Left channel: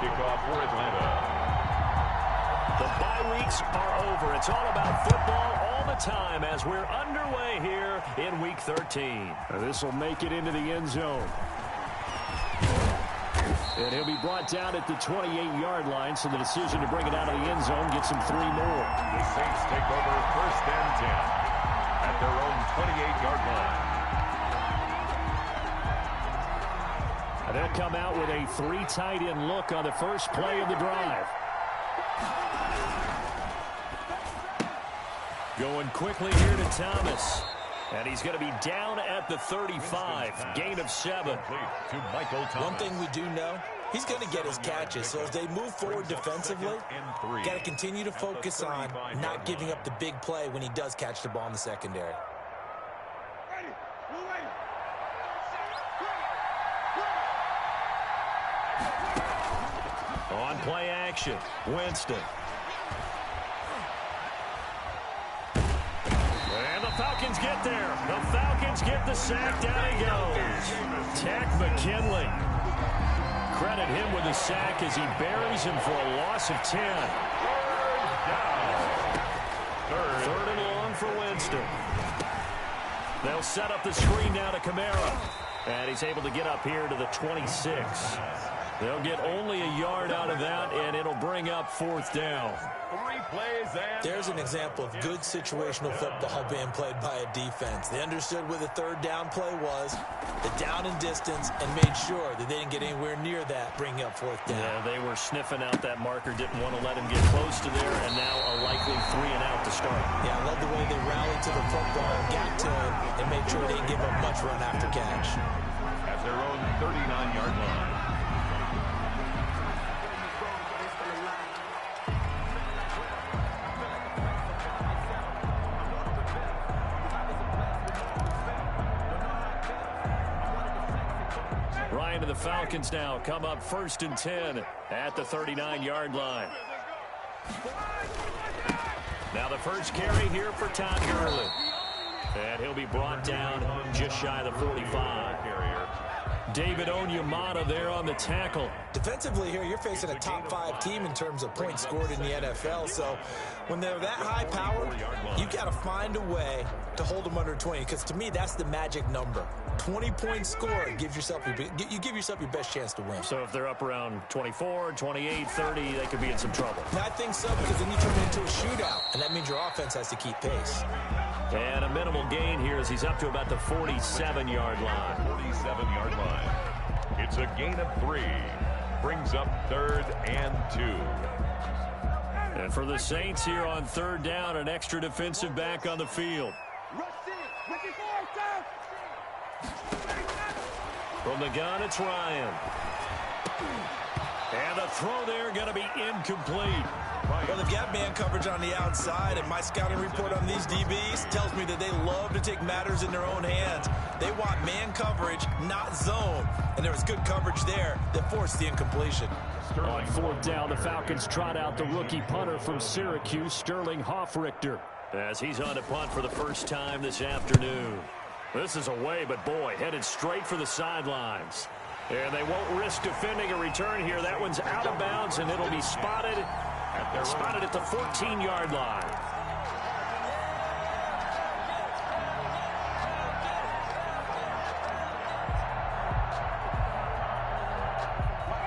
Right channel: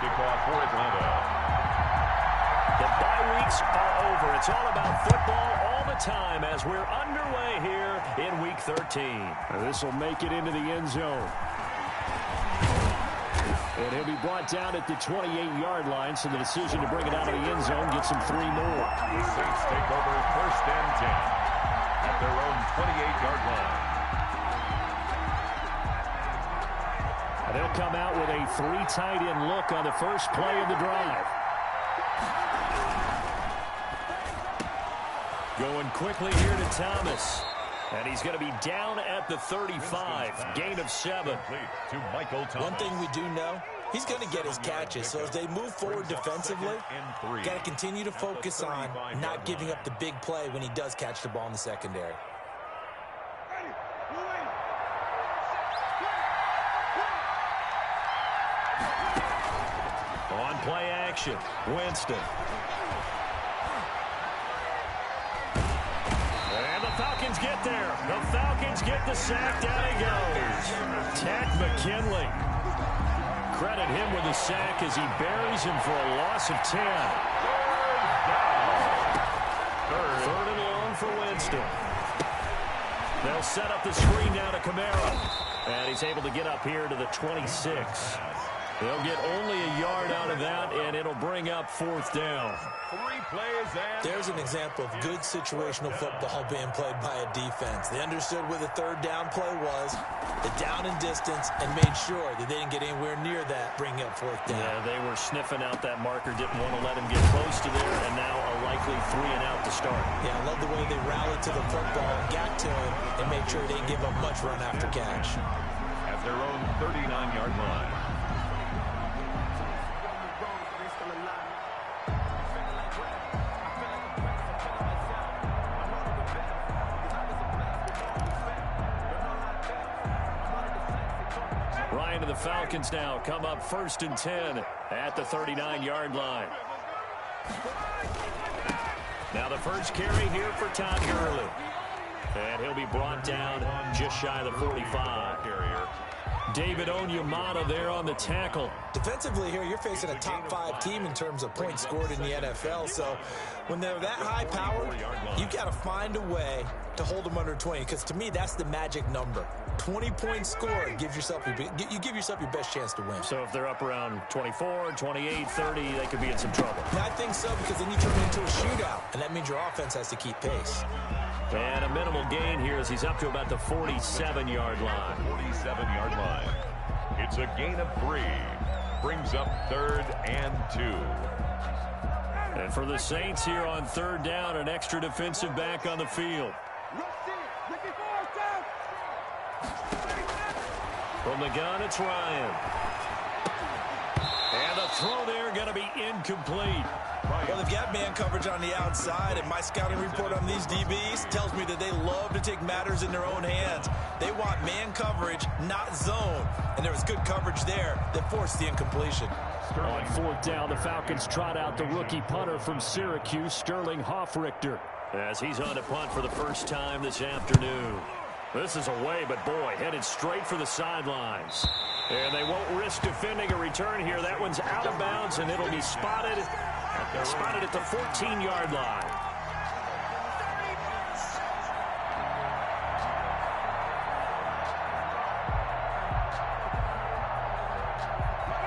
Kickoff for Atlanta. The bye weeks are over. It's all about football all the time as we're underway here in Week 13. This will make it into the end zone. And he'll be brought down at the 28-yard line, so the decision to bring it out of the end zone gets him 3 more. The Saints take over 1st and 10 at their own 28-yard line. And they'll come out with a 3 tight end look on the first play of the drive. Going quickly here to Thomas. And he's going to be down at the 35. Gain of 7. One thing we do know, he's going to get his catches. So as they move forward defensively, got to continue to focus on not giving up the big play when he does catch the ball in the secondary. On play action, Winston. And the Falcons get there. The Falcons get the sack. Down he goes. Tack McKinley. Credit him with the sack as he buries him for a loss of 10. 3rd down. 3rd and long for Winston. They'll set up the screen now to Kamara. And he's able to get up here to the 26. They'll get only a yard out of that, and it'll bring up 4th down. 3 plays and there's an example of good situational football being played by a defense. They understood where the 3rd down play was, the down and distance, and made sure that they didn't get anywhere near that, bringing up 4th down. Yeah, they were sniffing out that marker, didn't want to let him get close to there, and now a likely 3 and out to start. Yeah, I love the way they rallied to the football, got to him, and made sure they didn't give up much run after catch. at their own 39-yard line. Ryan and the Falcons now come up 1st and 10 at the 39-yard line. Now the first carry here for Todd Gurley. And he'll be brought down just shy of the 45. David Onyemata there on the tackle. Defensively here, you're facing a top 5 team in terms of points scored in the NFL. So when they're that high powered, you got to find a way to hold them under 20. Because to me, that's the magic number. 20 points scored, you give yourself your best chance to win. So if they're up around 24, 28, 30, they could be in some trouble. I think so, because then you turn it into a shootout, and that means your offense has to keep pace. And a minimal gain here as he's up to about the 47-yard line. 47-yard line. It's a gain of 3. Brings up 3rd and 2. And for the Saints here on 3rd down, an extra defensive back on the field. From the gun, it's Ryan. And the throw there going to be incomplete. Well, they've got man coverage on the outside, and my scouting report on these DBs tells me that they love to take matters in their own hands. They want man coverage, not zone. And there was good coverage there that forced the incompletion. On 4th down, the Falcons trot out the rookie punter from Syracuse, Sterling Hoffrichter. As he's on to punt for the first time this afternoon. This is away, but boy, headed straight for the sidelines. And they won't risk defending a return here. That one's out of bounds, and it'll be spotted at the 14-yard line.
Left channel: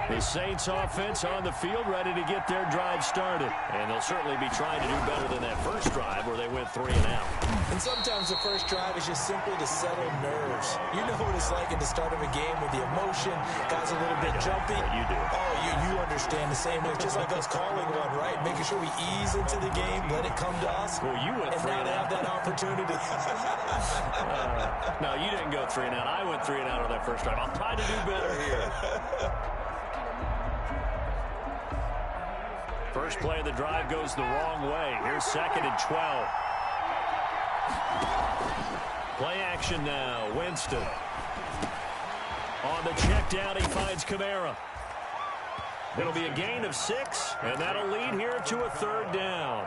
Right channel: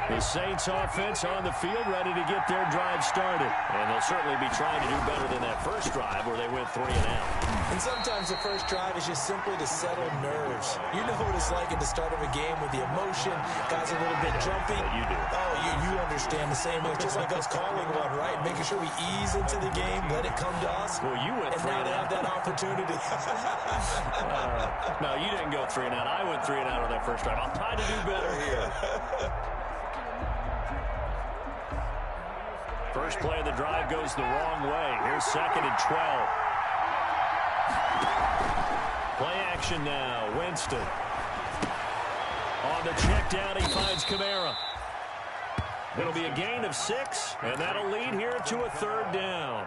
The Saints offense on the field, ready to get their drive started. And they'll certainly be trying to do better than that first drive where they went 3 and out. And sometimes the first drive is just simply to settle nerves. You know what it's like at the start of a game with the emotion. Guys a little bit jumpy. You do. Oh, you understand the same way. It's just like us calling one, right? Making sure we ease into the game, let it come to us. Well, you went 3 and now and they out. have that opportunity. No, you didn't go 3 and out. I went 3 and out on that first drive. I'll try to do better here. First play of the drive goes the wrong way. Here's 2nd and 12. Play action now. Winston. On the check down, he finds Kamara. It'll be a gain of 6, and that'll lead here to a 3rd down.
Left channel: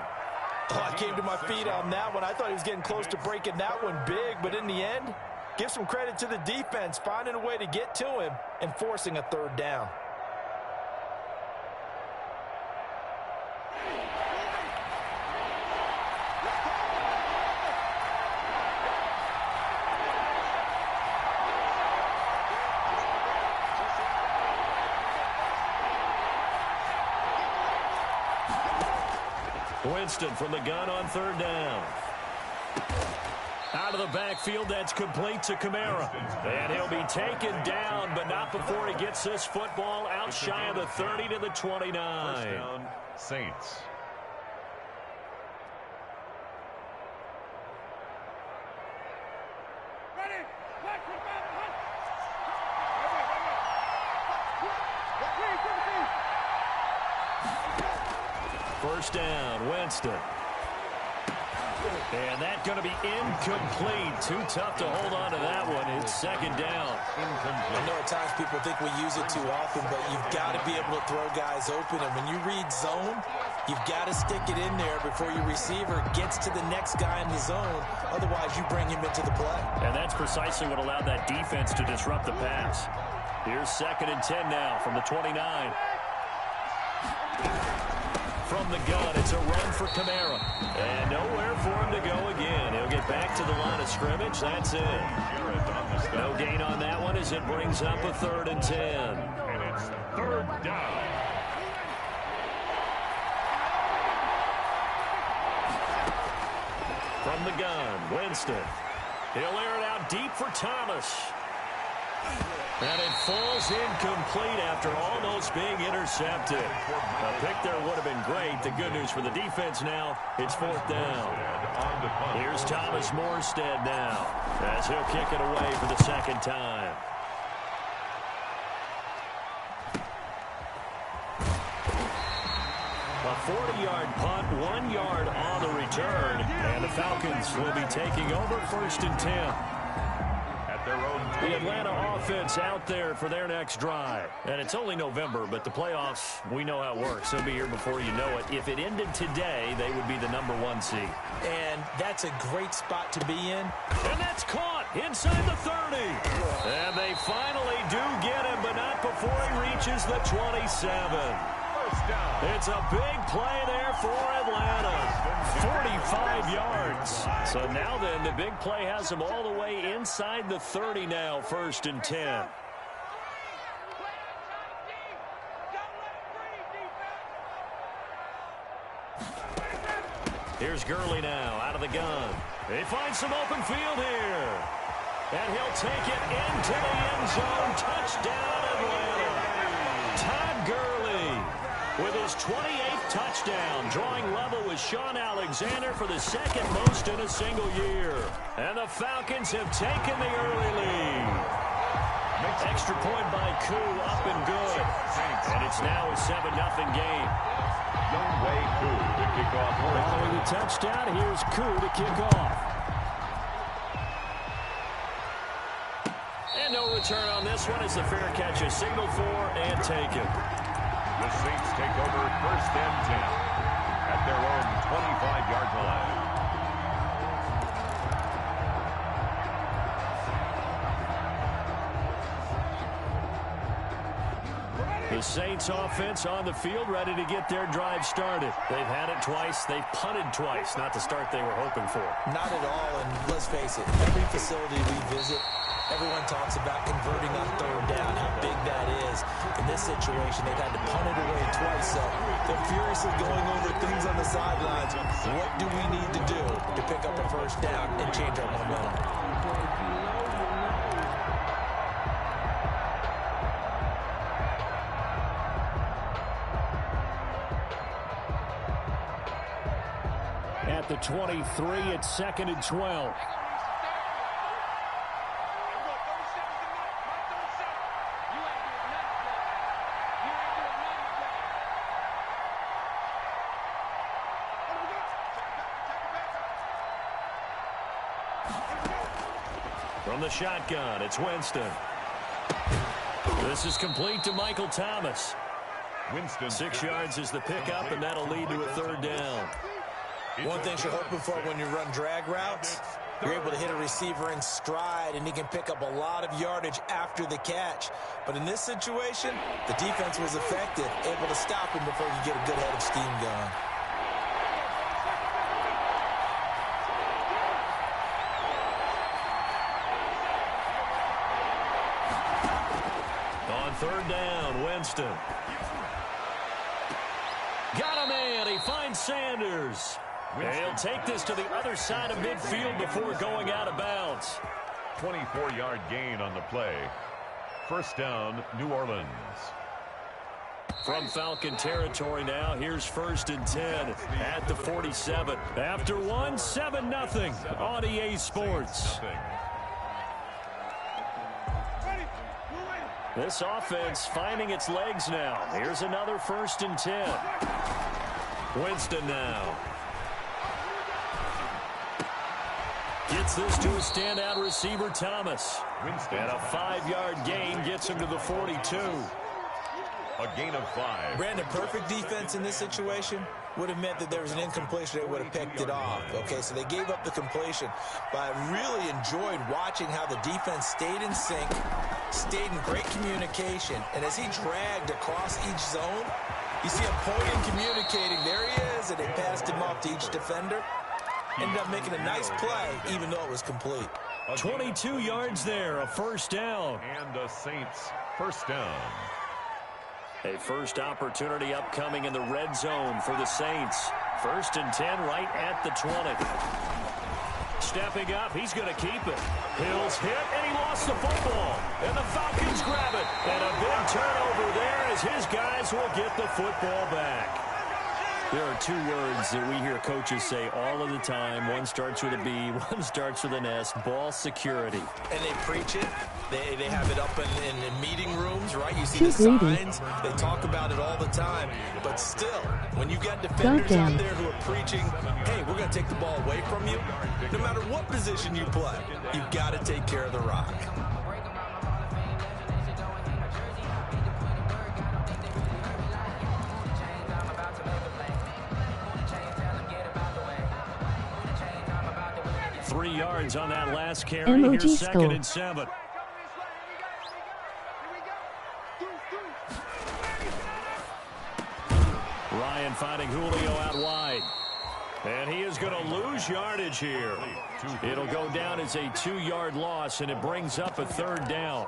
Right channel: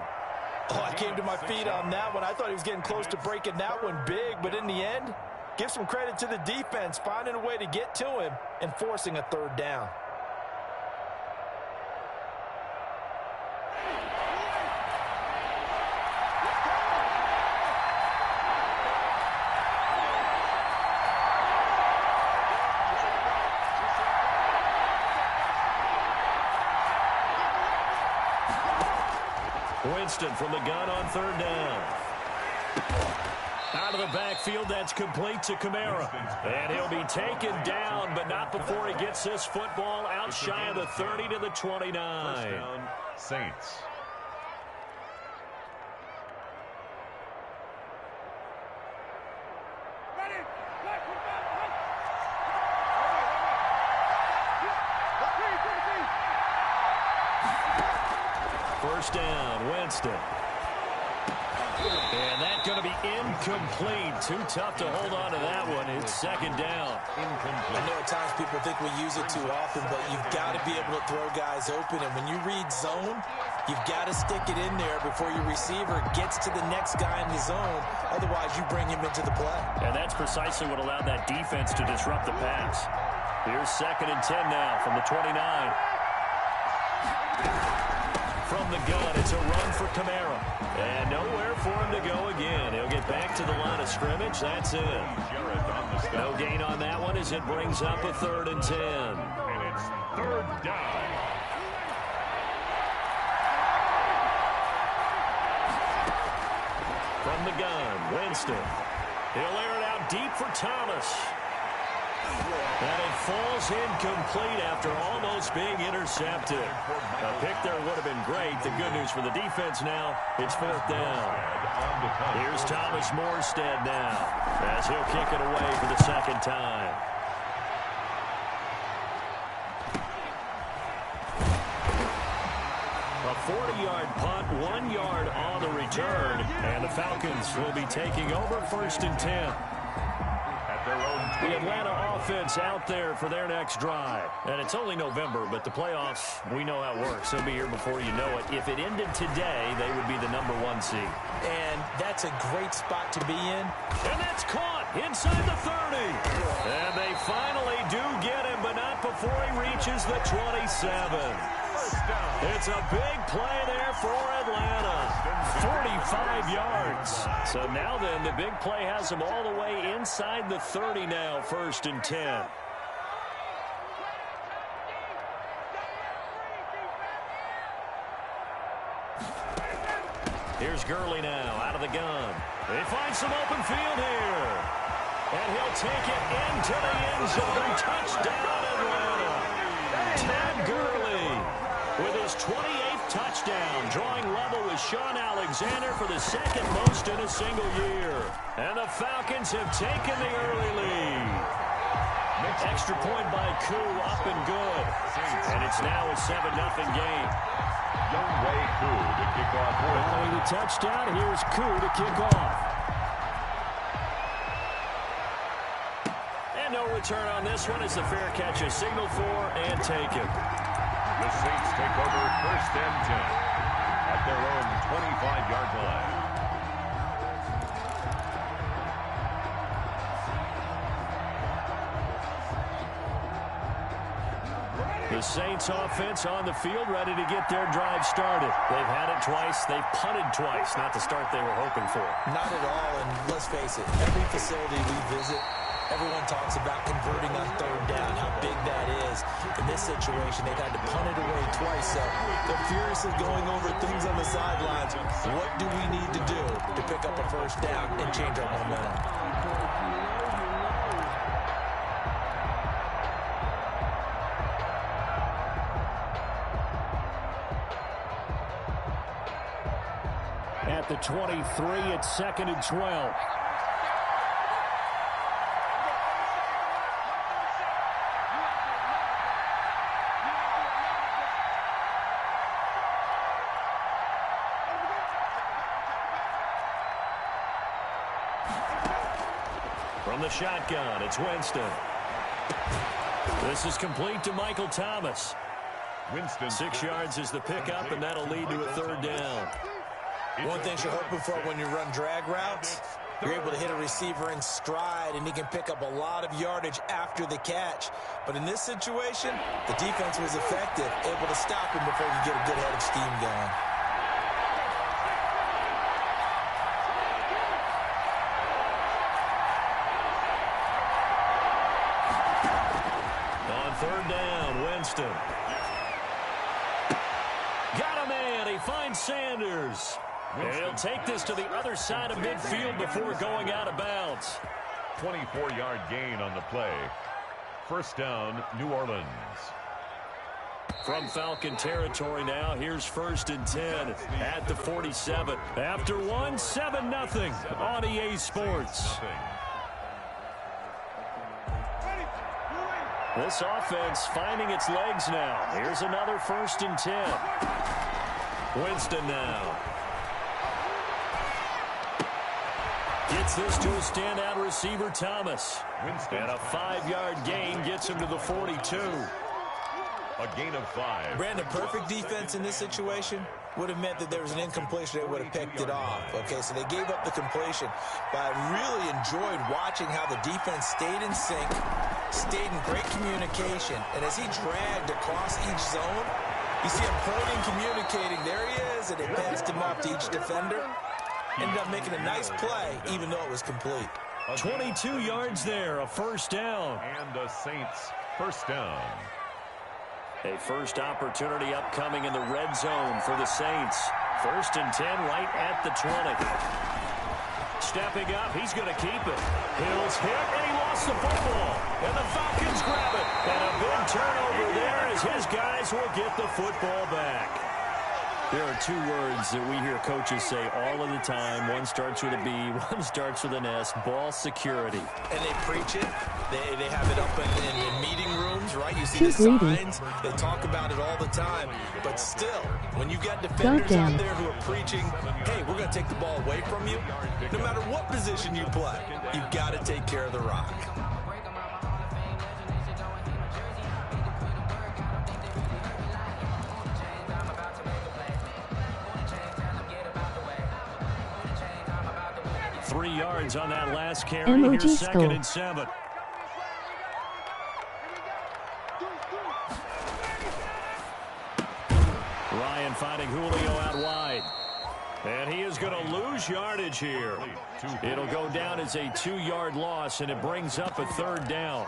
Oh, I came to my feet on that one. I thought he was getting close to breaking that one big, but in the end, give some credit to the defense, finding a way to get to him and forcing a 3rd down. Winston from the gun on third down. Out of the backfield, that's complete to Kamara. And he'll be taken down, but not before he gets this football out shy of the 30 to the 29. First down, Saints. First down, Winston. And that's going to be incomplete. Too tough to hold on to that one. It's second down. I know at times people think we use it too often, but you've got to be able to throw guys open. And when you read zone, you've got to stick it in there before your receiver gets to the next guy in the zone. Otherwise, you bring him into the play. And that's precisely what allowed that defense to disrupt the pass. Here's 2nd and 10 now from the 29. From the gun, it's a run for Kamara. And nowhere for him to go again. He'll get back to the line of scrimmage. That's it. No gain on that one as it brings up a 3rd and 10. And it's 3rd down. From the gun, Winston. He'll air it out deep for Thomas. And it falls incomplete after almost being intercepted. A pick there would have been great. The good news for the defense now, it's 4th down. Here's Thomas Morstead now as he'll kick it away for the 2nd time. A 40-yard punt, 1 yard on the return, and the Falcons will be taking over 1st and 10. The Atlanta offense out there for their next drive. And it's only November, but the playoffs, we know how it works. They'll be here before you know it. If it ended today, they would be the #1 seed. And that's a great spot to be in. And that's caught inside the 30. And they finally do get him, but not before he reaches the 27. It's a big play there for Atlanta. 45 yards. So now then, the big play has them all the way inside the 30 now, 1st and 10. Here's Gurley now, out of the gun. They find some open field here. And he'll take it into the end zone. Touchdown, Atlanta. Todd Gurley with his 28th touchdown, drawing level with Sean Alexander for the 2nd most in a single year. And the Falcons have taken the early lead. Extra point by Koo, up and good. And it's now a 7-0 game. Younghoe Koo to kick off. Following the touchdown, here's Koo to kick off. And no return on this one as the fair catch is signaled for and taken. The Saints take over 1st and 10 at their own 25-yard line. The Saints offense on the field, ready to get their drive started. They've had it twice. They've punted twice. Not the start they were hoping for. Not at all, and let's face it, every facility we visit, everyone talks about converting on 3rd down, how big that is. In this situation, they've had to punt it away twice, so they're furiously going over things on the sidelines. What do we need to do to pick up a 1st down and change our momentum? At the 23, it's 2nd and 12. From the shotgun, it's Winston. This is complete to Michael Thomas. Winston. 6 yards is the pickup, and that'll lead to a 3rd down. One thing you're hoping for when you run drag routes, you're able to hit a receiver in stride, and he can pick up a lot of yardage after the catch. But in this situation, the defense was effective, able to stop him before he could get a good head of steam going. On 3rd down, Winston. Got a man. He finds Sanders. And he'll take this to the other side of midfield before going out of bounds. 24-yard gain on the play. First down, New Orleans. From Falcon territory now, here's 1st and 10 at the 47. After one, 7-0 on EA Sports. This offense finding its legs now. Here's another 1st and 10. Winston now. Gets this to a standout receiver, Thomas. And a 5-yard gain gets him to the 42. A gain of 5. Brandon, perfect defense in this situation would have meant that there was an incompletion. They would have picked it off. Okay, so they gave up the completion. But I really enjoyed watching how the defense stayed in sync, stayed in great communication. And as he dragged across each zone, you see him pointing, communicating. There he is, and they passed him off to each defender. Ended up making a nice play, even though it was complete. 22 yards there, a 1st down. And the Saints, 1st down. A first opportunity upcoming in the red zone for the Saints. 1st and 10 right at the 20. Stepping up, he's going to keep it. Hill's hit, and he lost the football. And the Falcons grab it. And a big turnover there as his guys will get the football back. There are 2 words that we hear coaches say all of the time. One starts with a B, one starts with an S. Ball security. And they preach it. They have it up in meeting rooms, right? You see the signs. They talk about it all the time. But still, when you got defenders out there who are preaching, hey, we're going to take the ball away from you, no matter what position you play, you've got to take care of the rock. Three yards on that last carry. Here's 2nd and 7. Ryan finding Julio out wide. And he is going to lose yardage here. It'll go down as a 2-yard loss, and it brings up a 3rd down.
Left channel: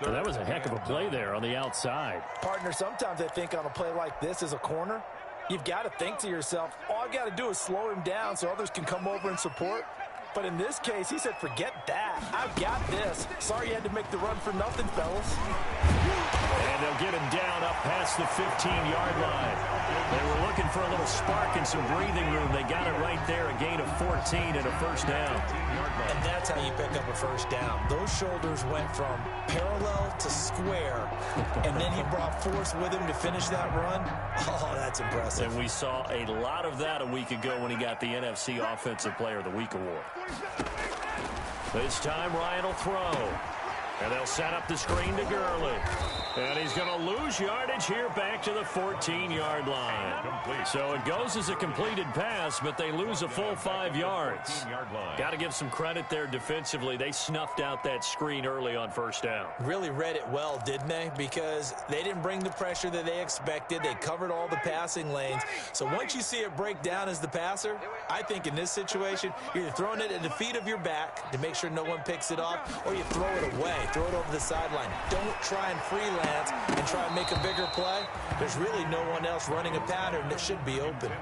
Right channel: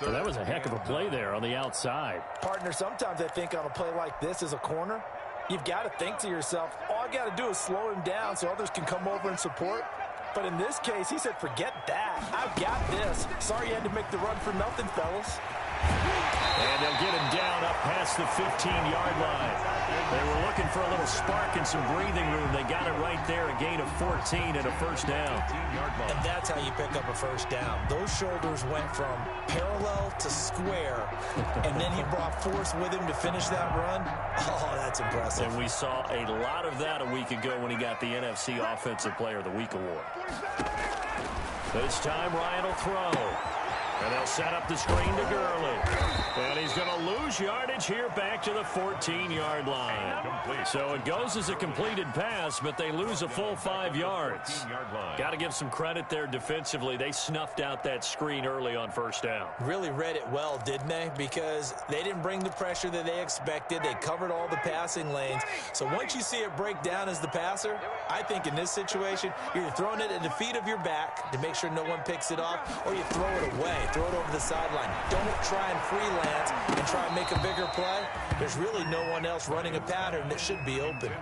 So that was a heck of a play there on the outside. Partner, sometimes I think on a play like this as a corner, you've got to think to yourself, all I've got to do is slow him down so others can come over and support. But in this case, he said, forget that. I've got this. Sorry you had to make the run for nothing, fellas. And they'll get him down up past the 15-yard line. They were looking for a little spark and some breathing room. They got it right there, a gain of 14 and a 1st down. And that's how you pick up a 1st down. Those shoulders went from parallel to square, and then he brought force with him to finish that run. Oh, that's impressive. And we saw a lot of that a week ago when he got the NFC Offensive Player of the Week award. This time, Ryan will throw. And they'll set up the screen to Gurley. And he's going to lose yardage here back to the 14-yard line. So it goes as a completed pass, but they lose a full 5 yards. Got to give some credit there defensively. They snuffed out that screen early on 1st down. Really read it well, didn't they? Because they didn't bring the pressure that they expected. They covered all the passing lanes. So once you see it break down as the passer, I think in this situation, you're either throwing it at the feet of your back to make sure no one picks it off, or you throw it away. Throw it over the sideline. Don't try and freelance and try and make a bigger play. There's really no one else running a pattern that should be open.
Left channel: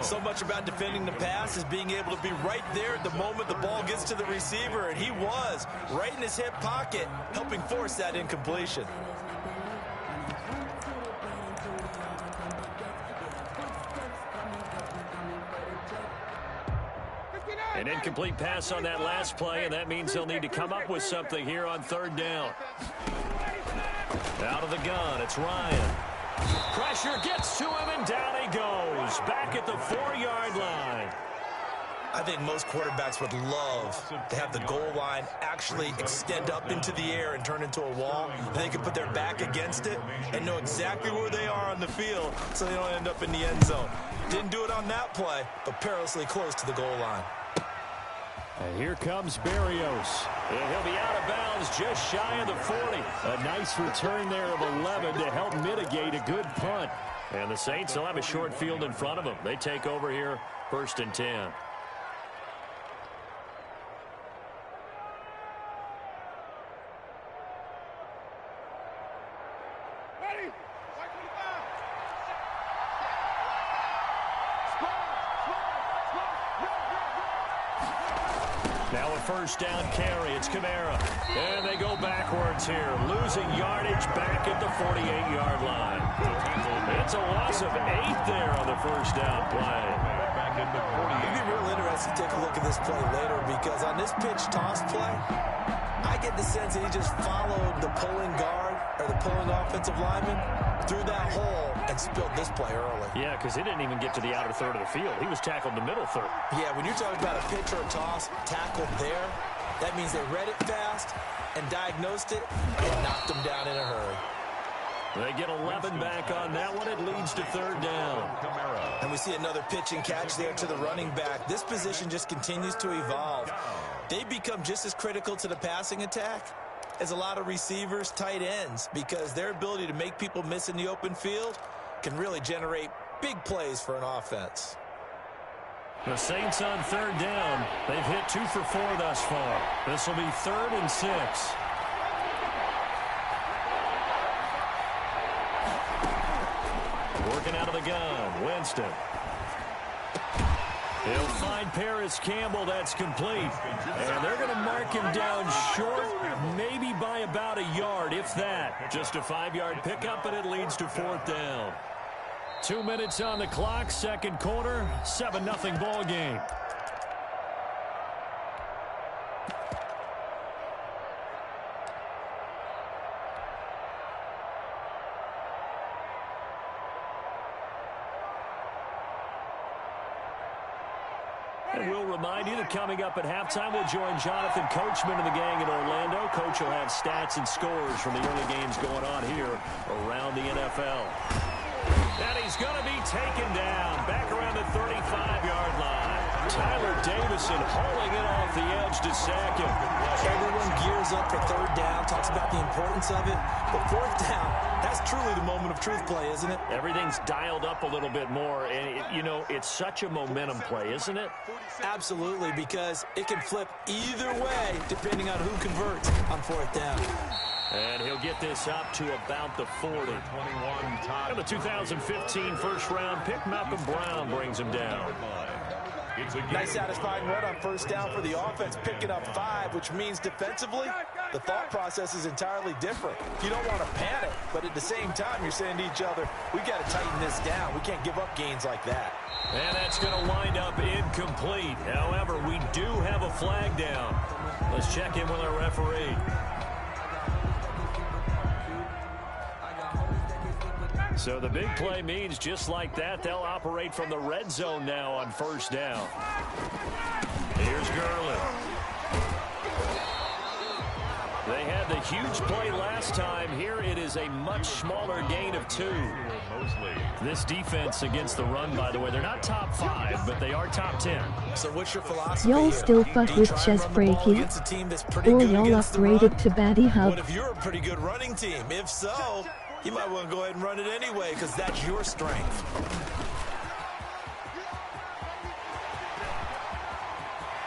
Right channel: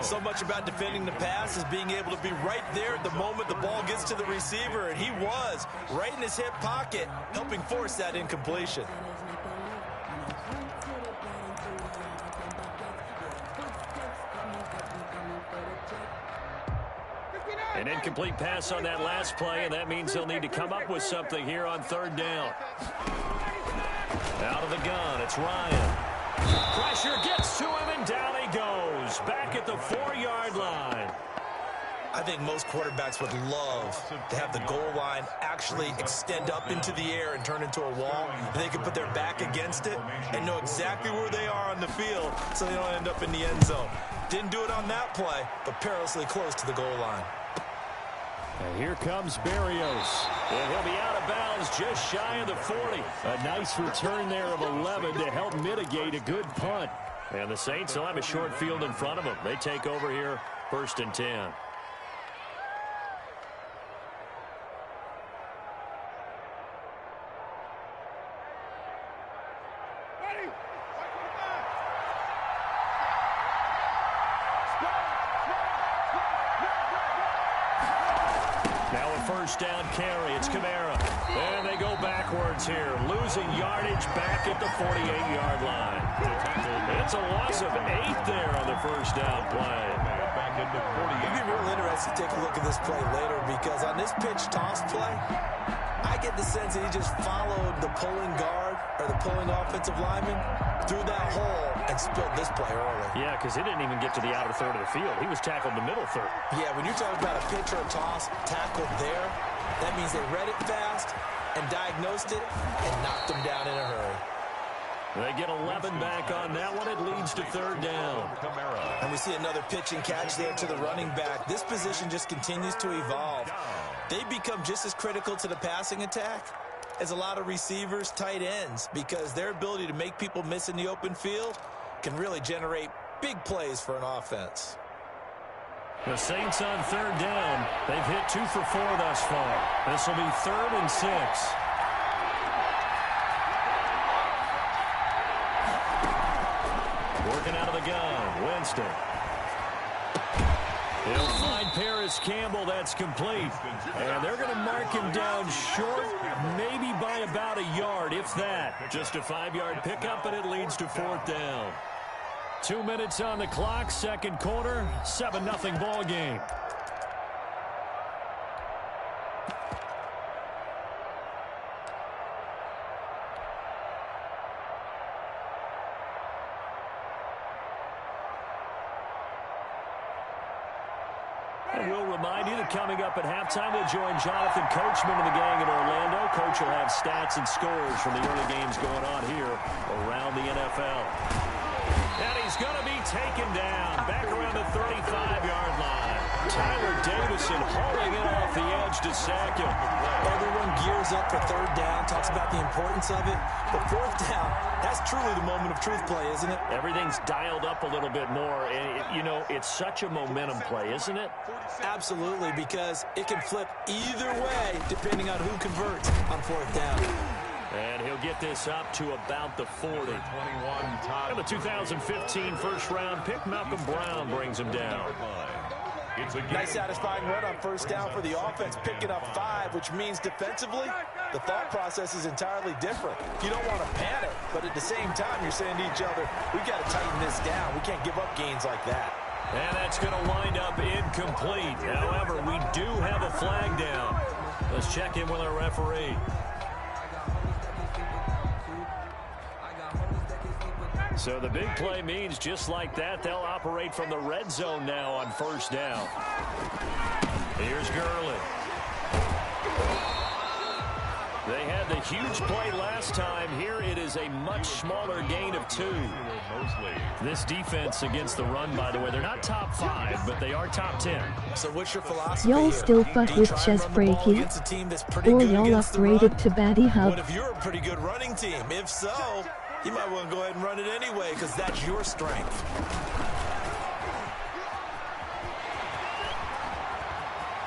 So much about defending the pass is being able to be right there at the moment the ball gets to the receiver, and he was right in his hip pocket, helping force that incompletion. An incomplete pass on that last play, and that means they'll need to come up with something here on 3rd down. Out of the gun, it's Ryan. Pressure gets to him, and down he goes. Back at the 4-yard line. I think most quarterbacks would love to have the goal line actually extend up into the air and turn into a wall. They can put their back against it and know exactly where they are on the field so they don't end up in the end zone. Didn't do it on that play, but perilously close to the goal line. And here comes Berrios. And he'll be out of bounds just shy of the 40. A nice return there of 11 to help mitigate a good punt. And the Saints will have a short field in front of them. They take over here, 1st and 10. Now a first down carry. It's Kamara. And they go backwards here. Losing yardage back at the 48-yard line. It's a loss of 8 there on the first down play. Back in the 48. It'd be real interesting to take a look at this play later, because on this pitch toss play, I get the sense that he just followed the pulling guard or the pulling offensive lineman through that hole and spilled this play early. Yeah, because he didn't even get to the outer third of the field. He was tackled in the middle third. Yeah, when you're talking about a pitch or a toss tackled there, that means they read it fast and diagnosed it and knocked him down in a hurry. They get 11 back on that one. It leads to third down. And we see another pitch and catch there to the running back. This position just continues to evolve. They become just as critical to the passing attack as a lot of receivers, tight ends, because their ability to make people miss in the open field can really generate big plays for an offense. The Saints on third down. They've hit 2 for 4 thus far. This will be 3rd and 6. Working out of the gun, Winston. He'll find Paris Campbell. That's complete. And they're going to mark him down short, maybe by about a yard, if that. Just a 5-yard pickup, and it leads to 4th down. 2 minutes on the clock, second quarter, 7-0 ball game. And we'll remind you that coming up at halftime, we'll join Jonathan Coachman and the gang in Orlando. Coach will have stats and scores from the early games going on here around the NFL. And he's going to be taken down back around the 35-yard line. Tyler Davison hauling it off the edge to sack him. Everyone gears up for third down, talks about the importance of it. But fourth down, that's truly the moment of truth play, isn't it? Everything's dialed up a little bit more. And, you know, it's such a momentum play, isn't it? Absolutely, because it can flip either way depending on who converts on fourth down. And he'll get this up to about the 40. And the 2015 first-round pick, Malcolm Brown, brings him down. Nice satisfying run on first down for the offense, picking up 5, which means defensively, the thought process is entirely different. You don't want to panic, but at the same time, you're saying to each other, we've got to tighten this down. We can't give up gains like that. And that's going to wind up incomplete. However, we do have a flag down. Let's check in with our referee. So the big play means just like that, they'll operate from the red zone now on first down. Here's Gurley. They had the huge play last time. Here it is a much smaller gain of 2. This defense against the run, by the way, they're not top 5, but they are top 10. So what's your philosophy? Y'all still fuck with chess breaking? Or y'all upgraded to Batty Hub? What if you're a pretty good running team? If so, you might want to go ahead and run it anyway, because that's your strength.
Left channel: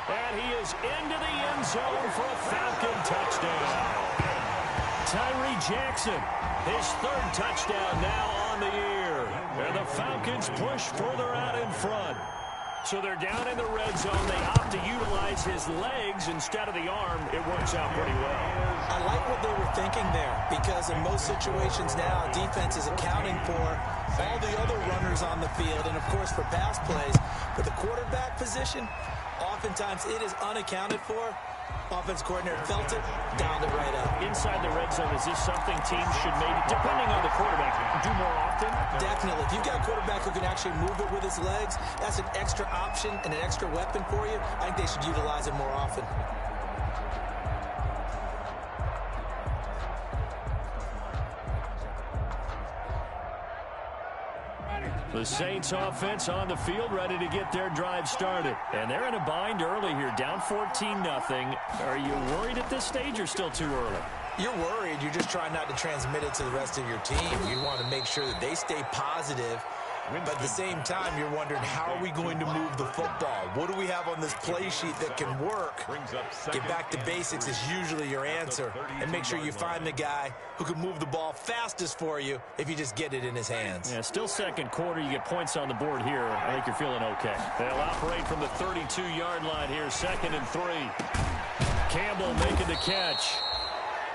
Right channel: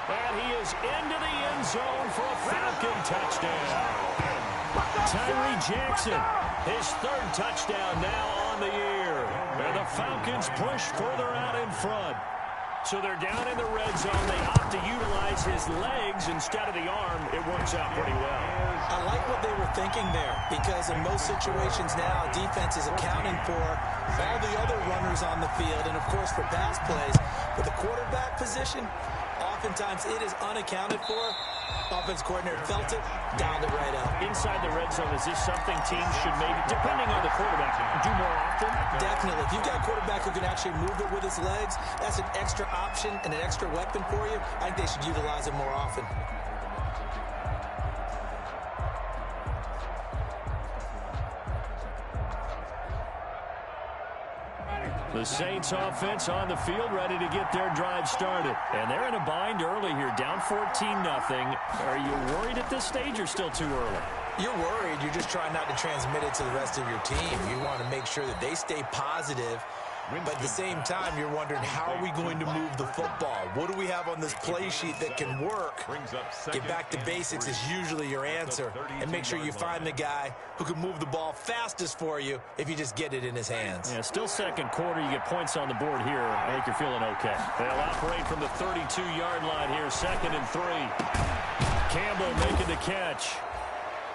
And he is into the end zone for a Falcon touchdown. Tyree Jackson, his 3rd touchdown now on the year. And the Falcons push further out in front. So they're down in the red zone. They opt to utilize his legs instead of the arm. It works out pretty well. I like what they were thinking there, because in most situations now, defense is accounting for all the other runners on the field and, of course, for pass plays. But the quarterback position, oftentimes it is unaccounted for. Offense coordinator felt it, dialed it right up. Inside the red zone, is this something teams should maybe, depending on the quarterback, do more often? Definitely. If you've got a quarterback who can actually move it with his legs, that's an extra option and an extra weapon for you. I think they should utilize it more often. The Saints offense on the field, ready to get their drive started. And they're in a bind early here, down 14-0. Are you worried at this stage or still too early? You're worried. You're just trying not to transmit it to the rest of your team. You want to make sure that they stay positive But at the same time, you're wondering, how are we going to move the football? What do we have on this play sheet that can work? Get back to basics is usually your answer. And make sure you find the guy who can move the ball fastest for you if you just get it in his hands. Yeah, still second quarter. You get points on the board here. I think you're feeling okay. They'll operate from the 32-yard line here, 2nd and 3. Campbell making the catch.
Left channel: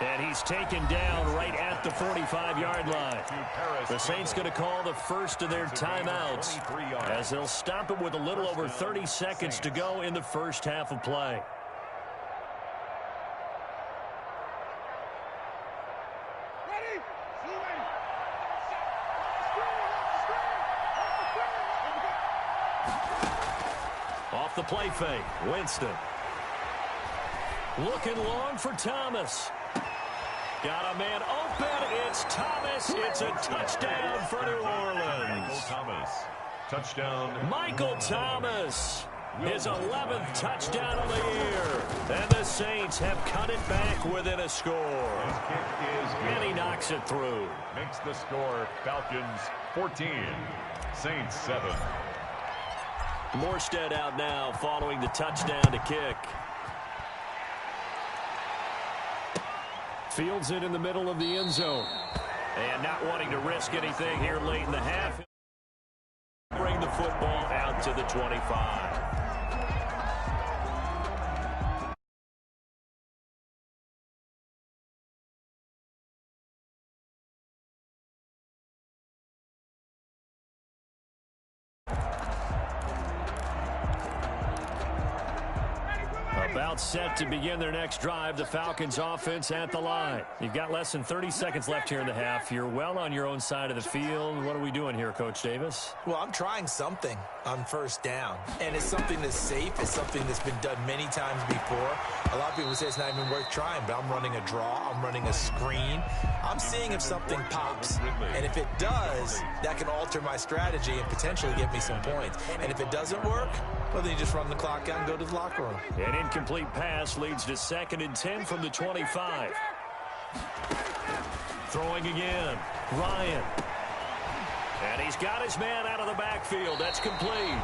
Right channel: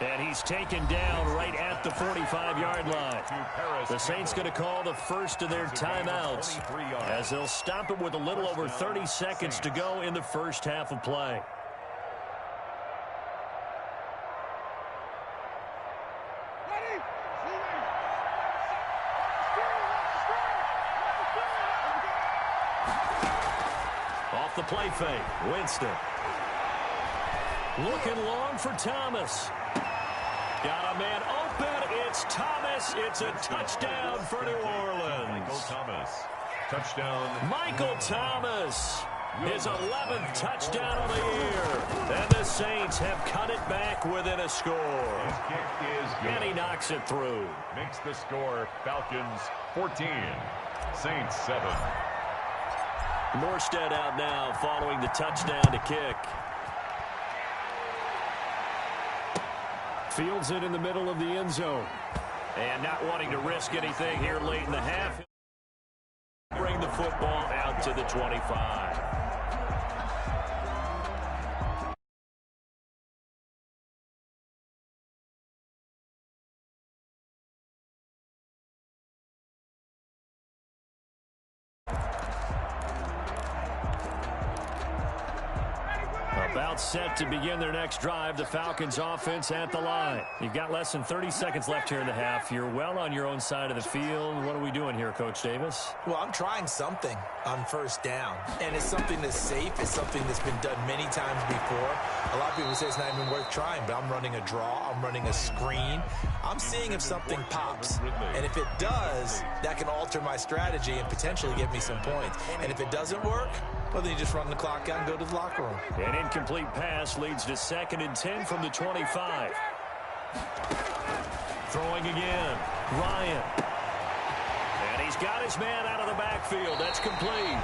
And he's taken down right at the 45-yard line. The Saints going to call the first of their timeouts as they'll stop it with a little over 30 seconds to go in the first half of play. Off the play fake, Winston. Looking long for Thomas. Got a man open. It's Thomas. It's a touchdown for New Orleans. Michael Thomas. Touchdown. Michael Thomas. His 11th touchdown of the year. And the Saints have cut it back within a score. His kick is good. And he knocks it through. Makes the score Falcons 14. Saints 7. Morstead out now following the touchdown to kick. Fields it in the middle of the end zone. And not wanting to risk anything here late in the half. Bring the football out to the 25. About set to begin their next drive. The Falcons offense at the line. You've got less than 30 seconds left here in the half. You're well on your own side of the field. What are we doing here, Coach Davis? Well, I'm trying something on first down. And it's something that's safe. It's something that's been done many times before. A lot of people say it's not even worth trying, but I'm running a draw. I'm running a screen. I'm seeing if something pops. And if it does, that can alter my strategy and potentially get me some points. And if it doesn't work, well, then you just run the clock out and go to the locker room. An incomplete pass leads to 2nd and 10 from the 25. Throwing again. Ryan. And he's got his man out of the backfield. That's complete.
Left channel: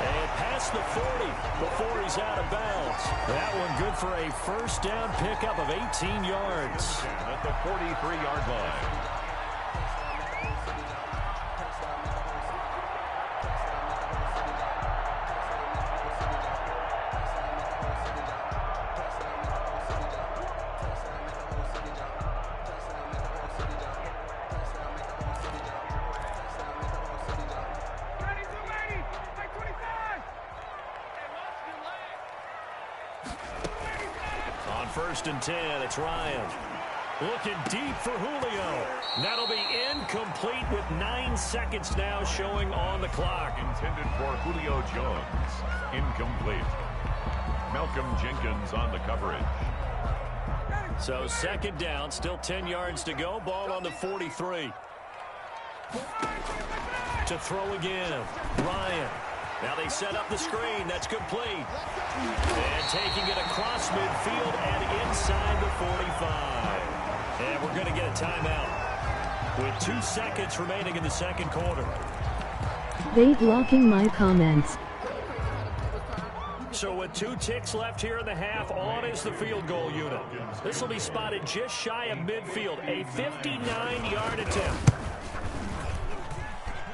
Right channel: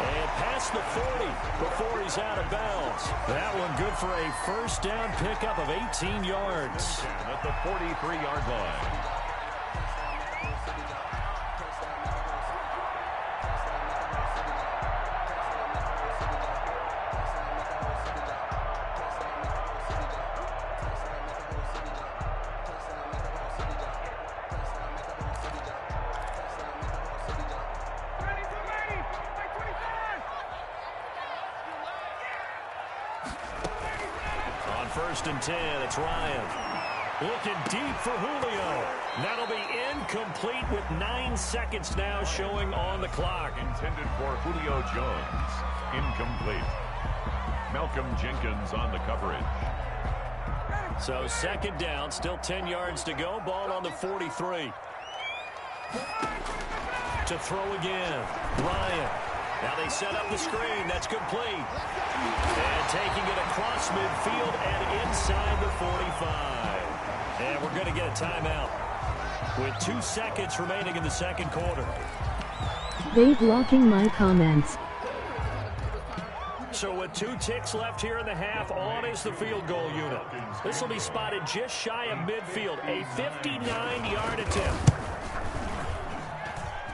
And past the 40 before he's out of bounds. That one good for a first down pickup of 18 yards. At the 43-yard line. On 1st and 10, it's Ryan. Looking deep for Julio. That'll be incomplete with 9 seconds now showing on the clock. Intended for Julio Jones. Incomplete. Malcolm Jenkins on the coverage. So 2nd down, still 10 yards to go. Ball on the 43. To throw again. Ryan. Now they set up the screen. That's complete. And taking it across midfield and inside the 45. And we're going to get a timeout with 2 seconds remaining in the second quarter. They blocking my comments. So with 2 ticks left here in the half, on is the field goal unit. This will be spotted just shy of midfield. A 59-yard attempt.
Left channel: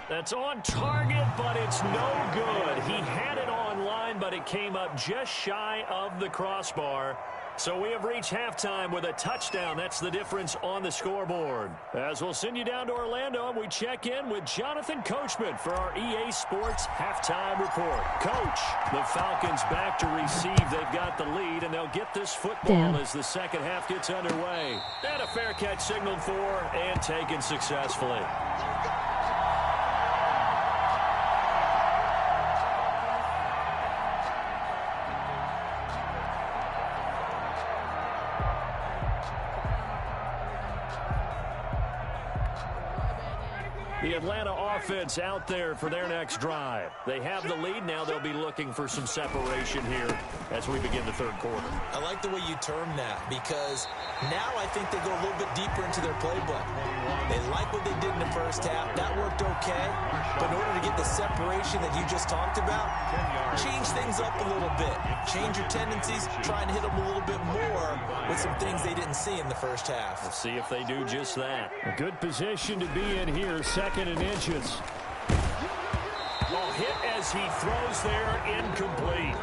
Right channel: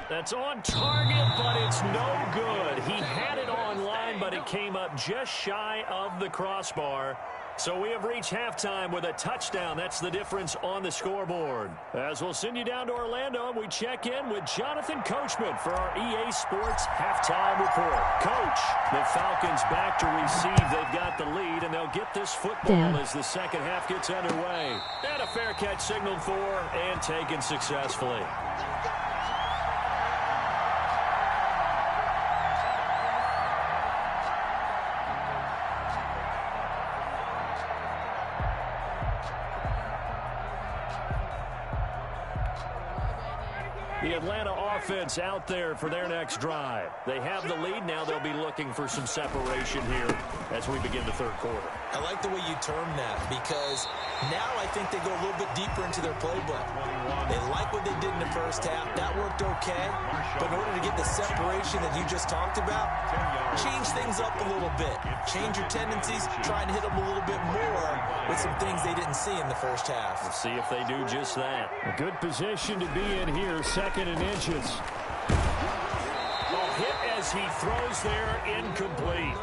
That's on target, but it's no good. He had it on line, but it came up just shy of the crossbar. So we have reached halftime with a touchdown. That's the difference on the scoreboard. As we'll send you down to Orlando, and we check in with Jonathan Coachman for our EA Sports Halftime Report. Coach, the Falcons back to receive. They've got the lead, and they'll get this football as the second half gets underway. And a fair catch signaled for and taken successfully. The Atlanta offense out there for their next drive. They have the lead. Now they'll be looking for some separation here as we begin the third quarter. I like the way you term that because now I think they go a little bit deeper into their playbook. They like what they did in the first half. That worked okay. But in order to get the separation that you just talked about, change things up a little bit. Change your tendencies. Try and hit them a little bit more with some things they didn't see in the first half. We'll see if they do just that. A good position to be in here. Second and inches. Ball hit as he throws there, incomplete.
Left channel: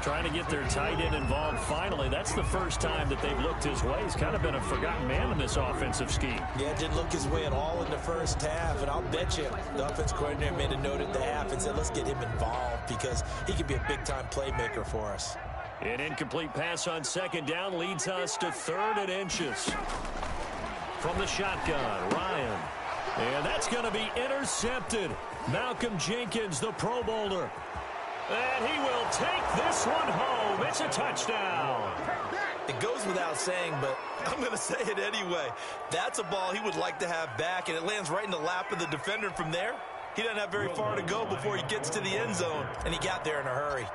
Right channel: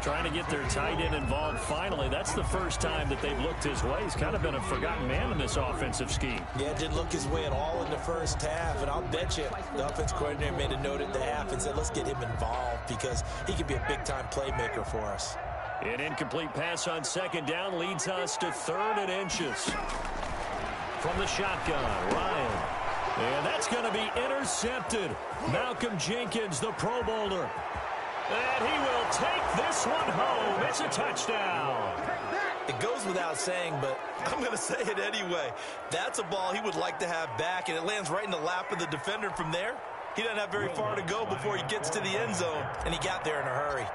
Trying to get their tight end involved finally. That's the first time that they've looked his way. He's kind of been a forgotten man in this offensive scheme. Yeah, didn't look his way at all in the first half, and I'll bet you the offense coordinator made a note at the half and said, let's get him involved because he could be a big-time playmaker for us. An incomplete pass on second down leads us to third and inches. From the shotgun, Ryan. And that's going to be intercepted. Malcolm Jenkins, the Pro Bowler. And he will take this one home. It's a touchdown. It goes without saying, but I'm going to say it anyway. That's a ball he would like to have back, and it lands right in the lap of the defender from there. He doesn't have very far to go before he gets to the end zone, and he got there in a hurry.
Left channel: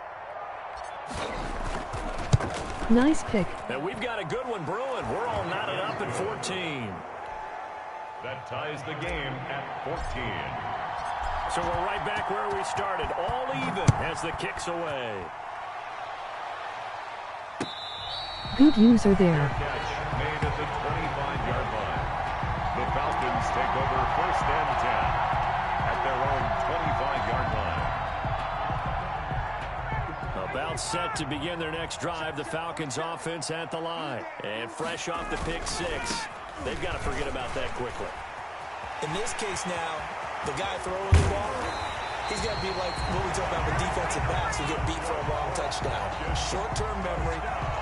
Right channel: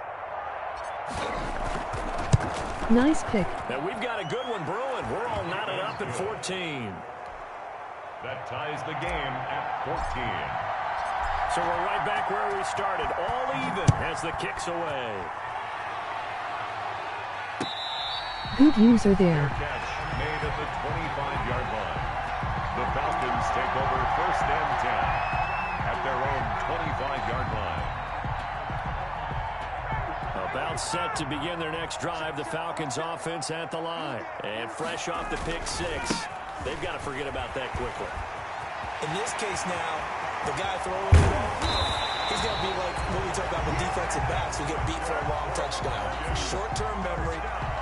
Nice pick. Now we've got a good one brewing. We're all knotted up at 14. That ties the game at 14. So we're right back where we started, all even as the kick's away. Good user there. Catch made at the 25-yard line. The Falcons take over first and 10 at their own 25-yard line. About set to begin their next drive, the Falcons offense at the line. And fresh off the pick six, they've got to forget about that quickly. In this case now, the guy throwing the ball, he's going to be like what we talk about with defensive backs who get beat for a long touchdown. Short-term memory,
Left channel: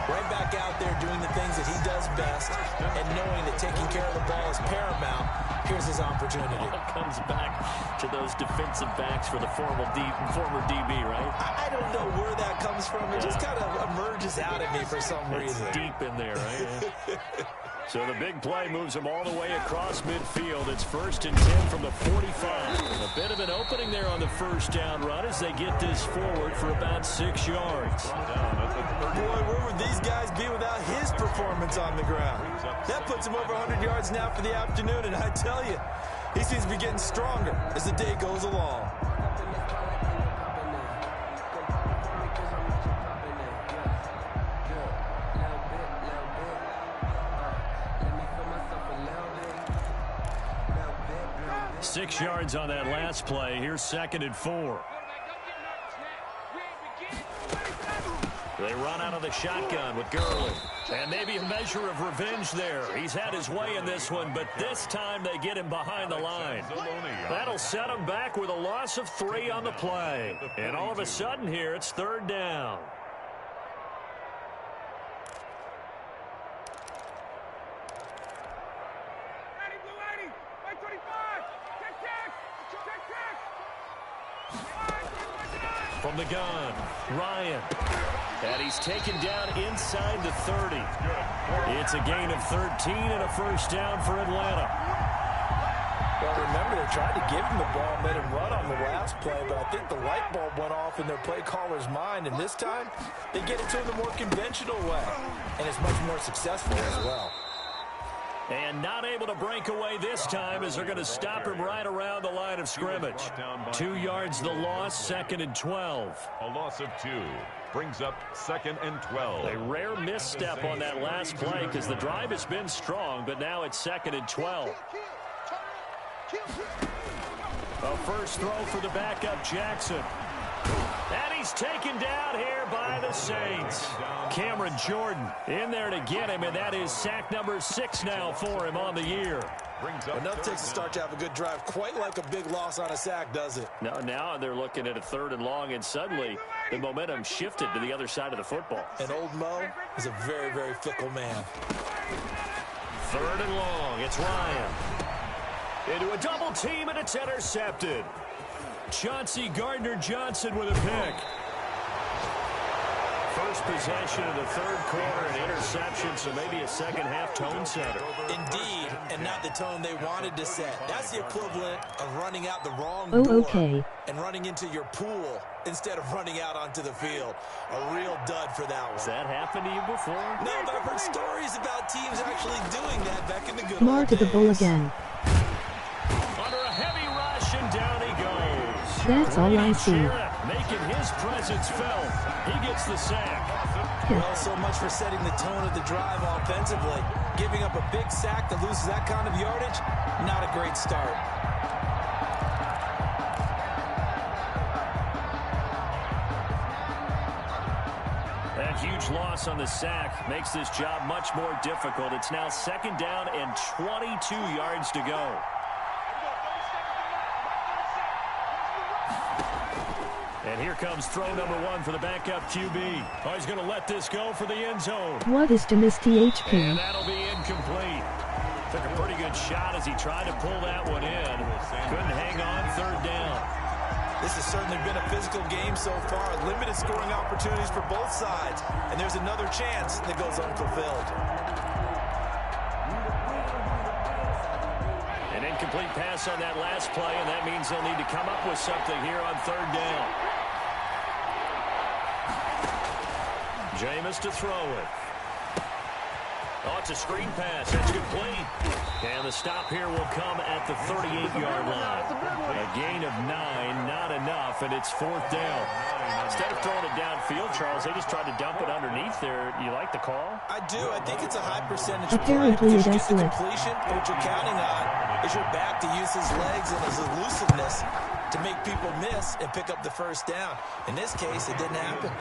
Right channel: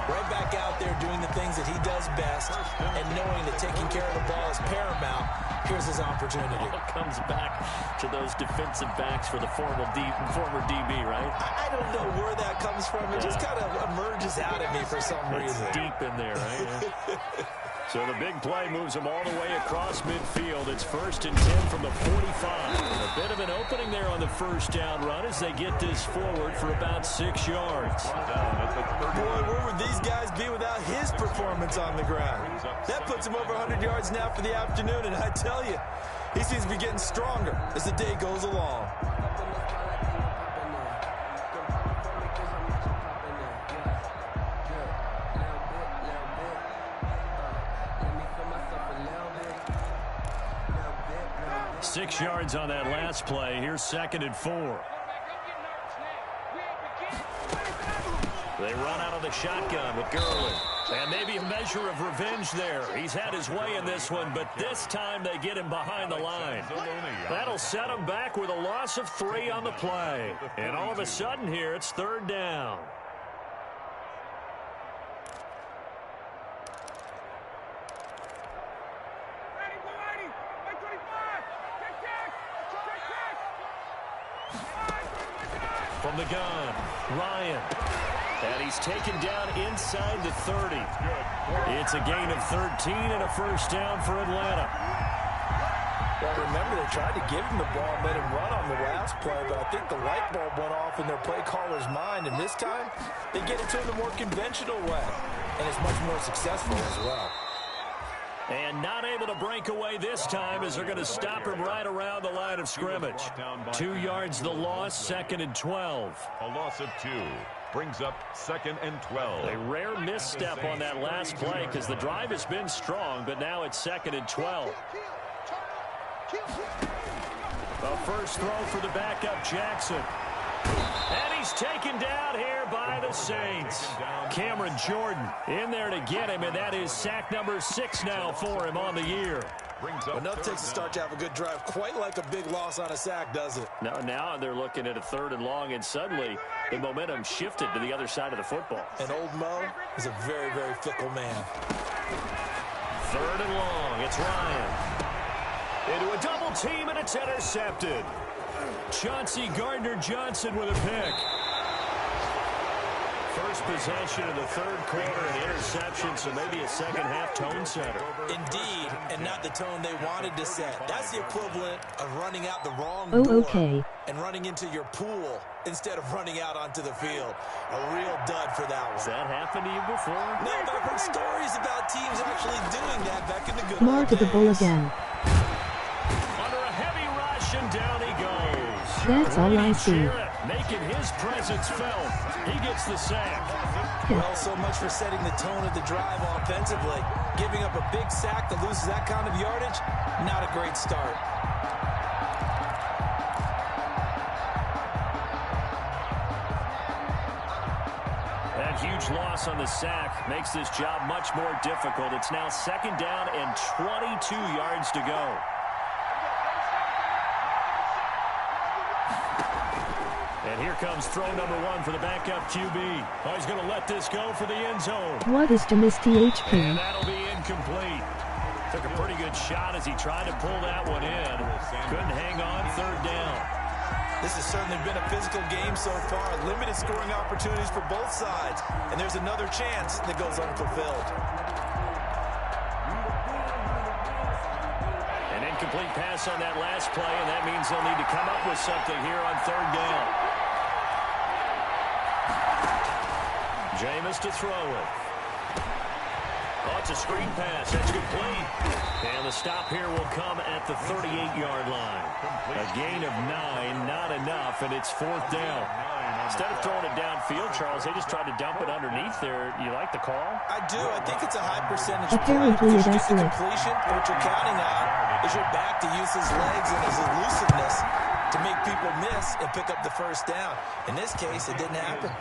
right back out there doing the things that he does best, and knowing that taking care of the ball is paramount. Here's his opportunity. All comes back to those defensive backs for the former DB, right? I don't know where that comes from. It just kind of emerges out at me for some reason. It's deep in there, right? Yeah. So the big play moves them all the way across midfield. It's first and 10 from the 45. A bit of an opening there on the first down run as they get this forward for about 6 yards. Boy, where would these guys be without his performance on the ground? That puts him over 100 yards now for the afternoon, and I tell you, he seems to be getting stronger as the day goes along. Six yards on that last play. Here's second and 4. They run out of the shotgun with Gurley. And maybe a measure of revenge there. He's had his way in this one, but this time they get him behind the line. That'll set him back with a loss of 3 on the play. And all of a sudden here, it's third down. From the gun, Ryan. And he's taken down inside the 30. It's a gain of 13 and a first down for Atlanta. Well, remember, they tried to give him the ball and let him run on the last play, but I think the light bulb went off in their play caller's mind, and this time they get it to him the more conventional way, and it's much more successful as well. And not able to break away this time as they're going to stop him right around the line of scrimmage. 2 yards the loss, second and 12. A loss of 2 brings up second and 12. A rare misstep on that last play because the drive has been strong, but now it's second and 12. A first throw for the backup Jackson. And he's taken down here by the Saints. Cameron Jordan in there to get him, and that is sack number 6 now for him on the year. Enough takes a start to have a good drive. Quite like a big loss on a sack, does it? Now they're looking at a third and long, and suddenly the momentum shifted to the other side of the football. And old Mo is a very, very fickle man. Third and long. It's Ryan. Into a double team, and it's intercepted. Chauncey Gardner-Johnson with a pick. First possession of the third quarter, an interception, so maybe a second-half tone setter. Indeed, and not the tone they wanted to set. That's the equivalent of running out the wrong Oh, door okay. and running into your pool instead of running out onto the field. A real dud for that one. Has that happened to you before? No, but I've heard stories about teams actually doing that back in the good Mar old to the bull days. again. Under a heavy rush, and down he goes. That's all I see. Jarrett making his presence felt. He gets the sack. Well, so much for setting the tone of the drive offensively. Giving up a big sack that loses that kind of yardage, not a great start. That huge loss on the sack makes this job much more difficult. It's now second down and 22 yards to go. And here comes throw number one for the backup QB. Oh, he's going to let this go for the end zone. What is to miss THP? And that'll be incomplete. Took a pretty good shot as he tried to pull that one in. Couldn't hang on, third down. This has certainly been a physical game so far. Limited scoring opportunities for both sides. And there's another chance that goes unfulfilled. An incomplete pass on that last play, and that means they'll need to come up with something here on third down. Jameis to throw it. Oh, it's a screen pass. That's complete. And the stop here will come at the 38-yard line. A gain of 9, not enough, and it's fourth down. Instead of throwing it downfield, Charles, they just tried to dump it underneath there. You like the call? I do. I think it's a high percentage Apparently play. it is. The completion, what you're counting on is your back to use his legs and his elusiveness to make people miss and pick up the first down. In this case, it didn't happen.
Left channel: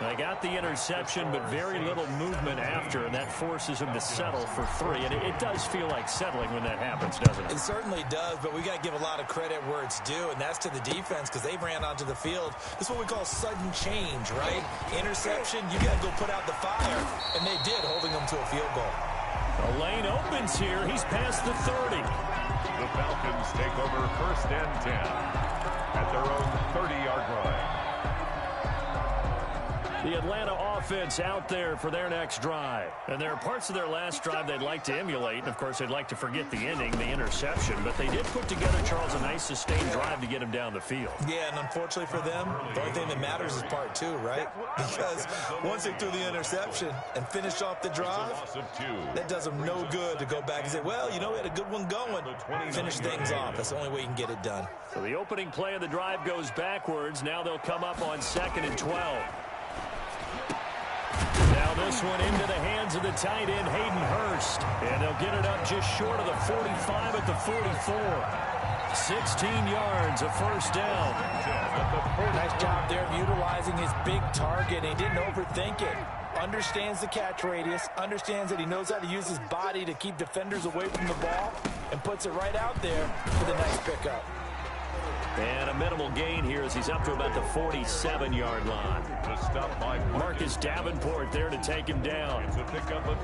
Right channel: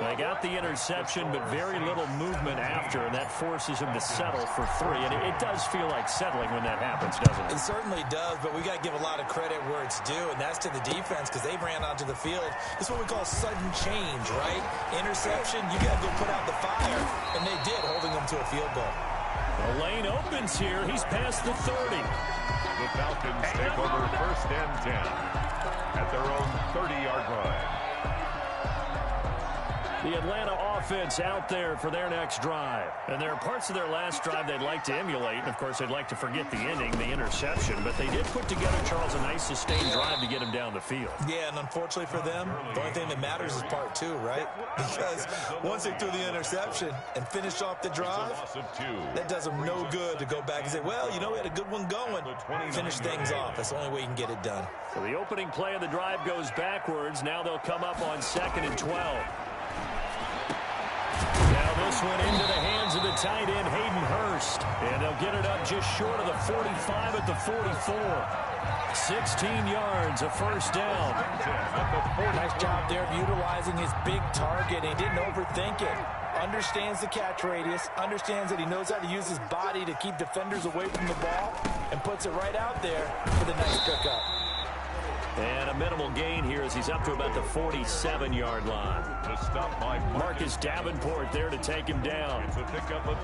They got the interception, but very little movement after, and that forces him to settle for 3. And it does feel like settling when that happens, doesn't it? It certainly does, but we got to give a lot of credit where it's due, and that's to the defense because they ran onto the field. This is what we call sudden change, right? Interception, you got to go put out the fire, and they did, holding them to a field goal. The lane opens here. He's past the 30. The Falcons take over first and 10 at their own 30-yard line. The Atlanta offense out there for their next drive. And there are parts of their last drive they'd like to emulate. And, of course, they'd like to forget the ending, the interception. But they did put together, Charles, a nice sustained drive to get him down the field. Yeah, and unfortunately for them, the only thing that matters is part 2, right? Because once they threw the interception and finished off the drive, that does them no good to go back and say, well, you know, we had a good one going. Finish things off. That's the only way you can get it done. So the opening play of the drive goes backwards. Now they'll come up on 2nd and 12. Now this one into the hands of the tight end, Hayden Hurst. And they'll get it up just short of the 45 at the 44. 16 yards, a first down. Nice job there of utilizing his big target. He didn't overthink it. Understands the catch radius, understands that he knows how to use his body to keep defenders away from the ball, and puts it right out there for the nice pickup. And a minimal gain here as he's up to about the 47-yard line. Marcus Davenport there to take him down.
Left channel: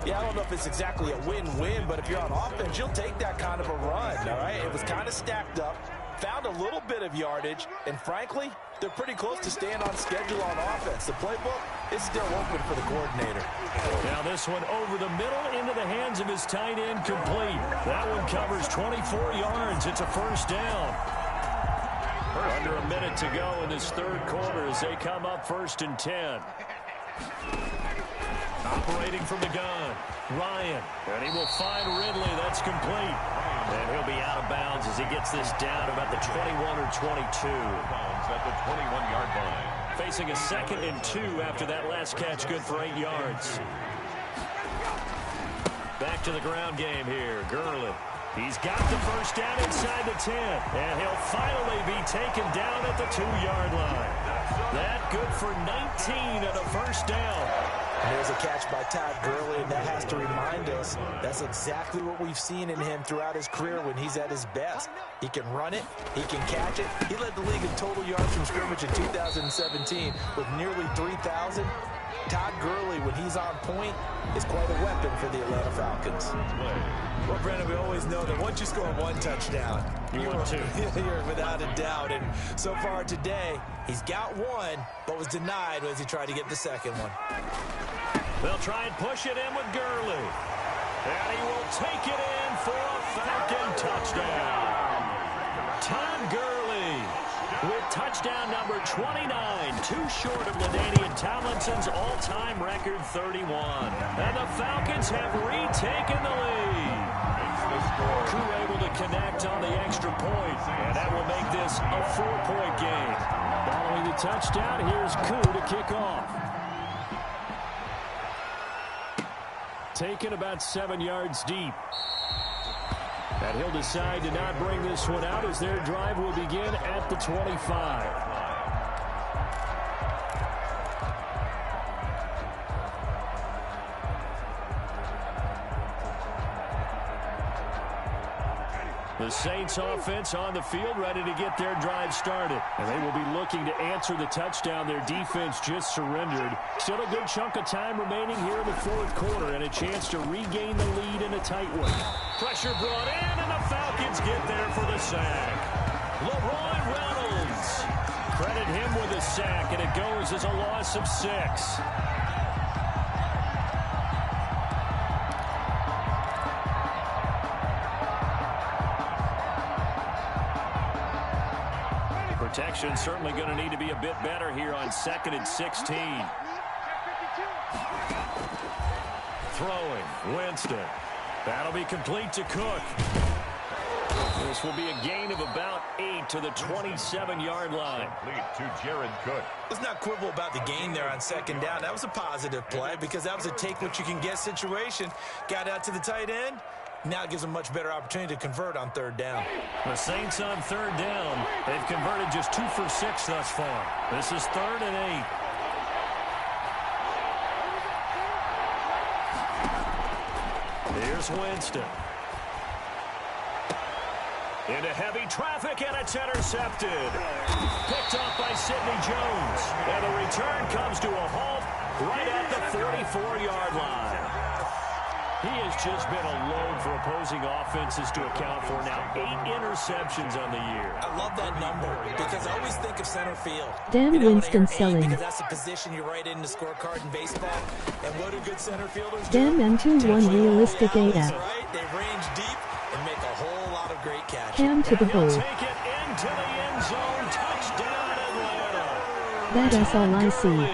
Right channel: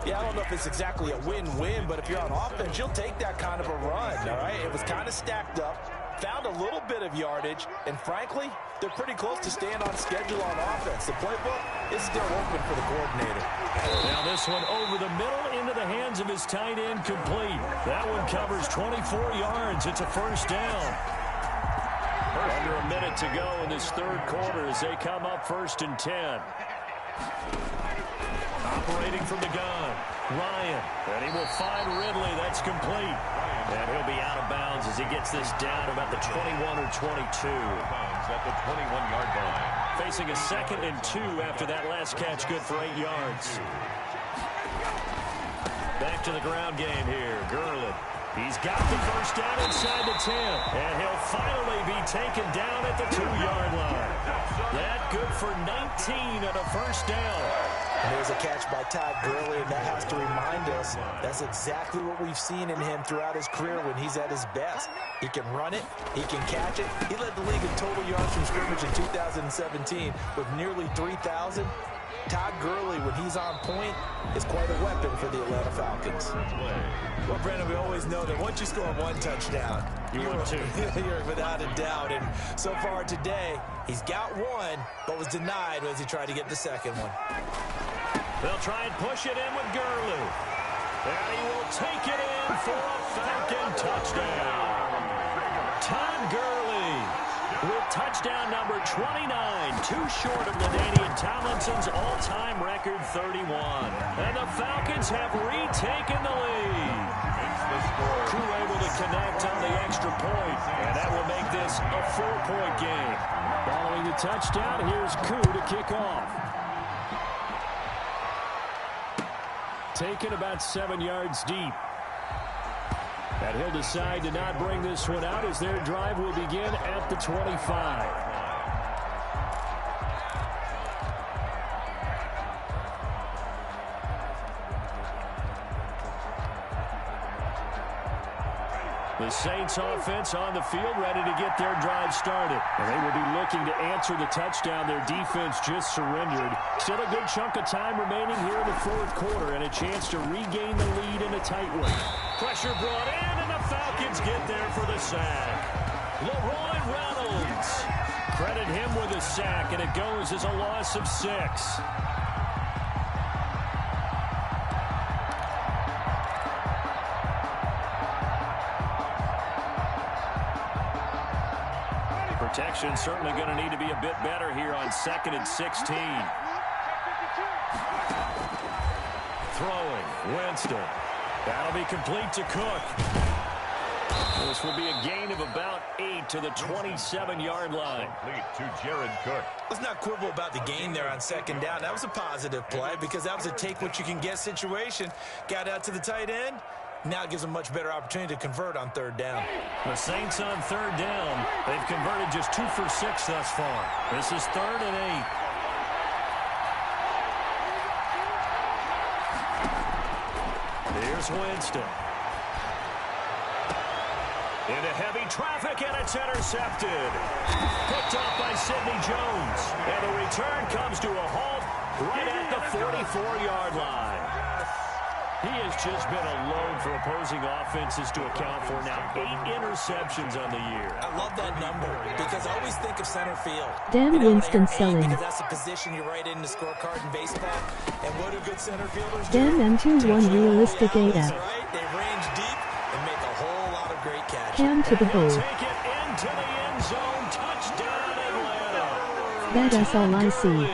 Yeah, I don't know if it's exactly a win-win, but if you're on offense, you'll take that kind of a run, all right? It was kind of stacked up, found a little bit of yardage, and frankly, they're pretty close to staying on schedule on offense. The playbook is still open for the coordinator. Now this one over the middle into the hands of his tight end, complete. That one covers 24 yards. It's a first down. Under a minute to go in this third quarter as they come up 1st and 10. Operating from the gun, Ryan. And he will find Ridley. That's complete. And he'll be out of bounds as he gets this down about the 21 or 22. At the 21-yard line. Facing a 2nd and 2 after that last catch, good for 8 yards. Back to the ground game here. Gurley. He's got the first down inside the 10. And he'll finally be taken down at the 2-yard line. That good for 19 and a first down. And there's a catch by Todd Gurley, and that has to remind us that's exactly what we've seen in him throughout his career when he's at his best. He can run it. He can catch it. He led the league in total yards from scrimmage in 2017 with nearly 3,000. Todd Gurley, when he's on point, is quite a weapon for the Atlanta Falcons. Well, Brandon, we always know that once you score one touchdown, you're without a doubt. And so far today, he's got one, but was denied as he tried to get the second one. They'll try and push it in with Gurley. And he will take it in for a Falcon touchdown. Todd Gurley with touchdown number 29, too short of LaDainian Tomlinson's all-time record 31. And the Falcons have retaken the lead. Koo able to connect on the extra point, and that will make this a 4-point game. Following the touchdown, here's Koo to kick off. Taken about 7 yards deep. And he'll decide to not bring this one out as their drive will begin at the 25. The Saints offense on the field ready to get their drive started. And they will be looking to answer the touchdown their defense just surrendered. Still a good chunk of time remaining here in the fourth quarter and a chance to regain the lead in a tight one. Pressure brought in and the Falcons get there for the sack. Leroy Reynolds. Credit him with a sack and it goes as a loss of 6. Protection certainly going to need to be a bit better here on 2nd and 16. Throwing, Winston. That'll be complete to Cook. This will be a gain of about 8 to the 27-yard line. Complete to Jared Cook. Let's not quibble about the gain there on 2nd down. That was a positive play because that was a take-what-you-can-get situation. Got out to the tight end. Now it gives them a much better opportunity to convert on 3rd down. The Saints on 3rd down. They've converted just 2 for 6 thus far. This is 3rd and 8. Here's Winston. Into heavy traffic, and it's intercepted. Picked off by Sidney Jones. And the return comes to a halt right at the 44-yard line. He has just been a load for opposing offenses to account for now. 8 interceptions on the year. I love that number because I always think of center field. Damn Winston selling. Because that's a position you write in the scorecard in baseball. And what do good center fielders do? Damn M21 realistic AF. Right? They range deep and make a whole lot of great catches. Cam to the hole. Take it into the end zone. Touchdown Atlanta. That's all I see.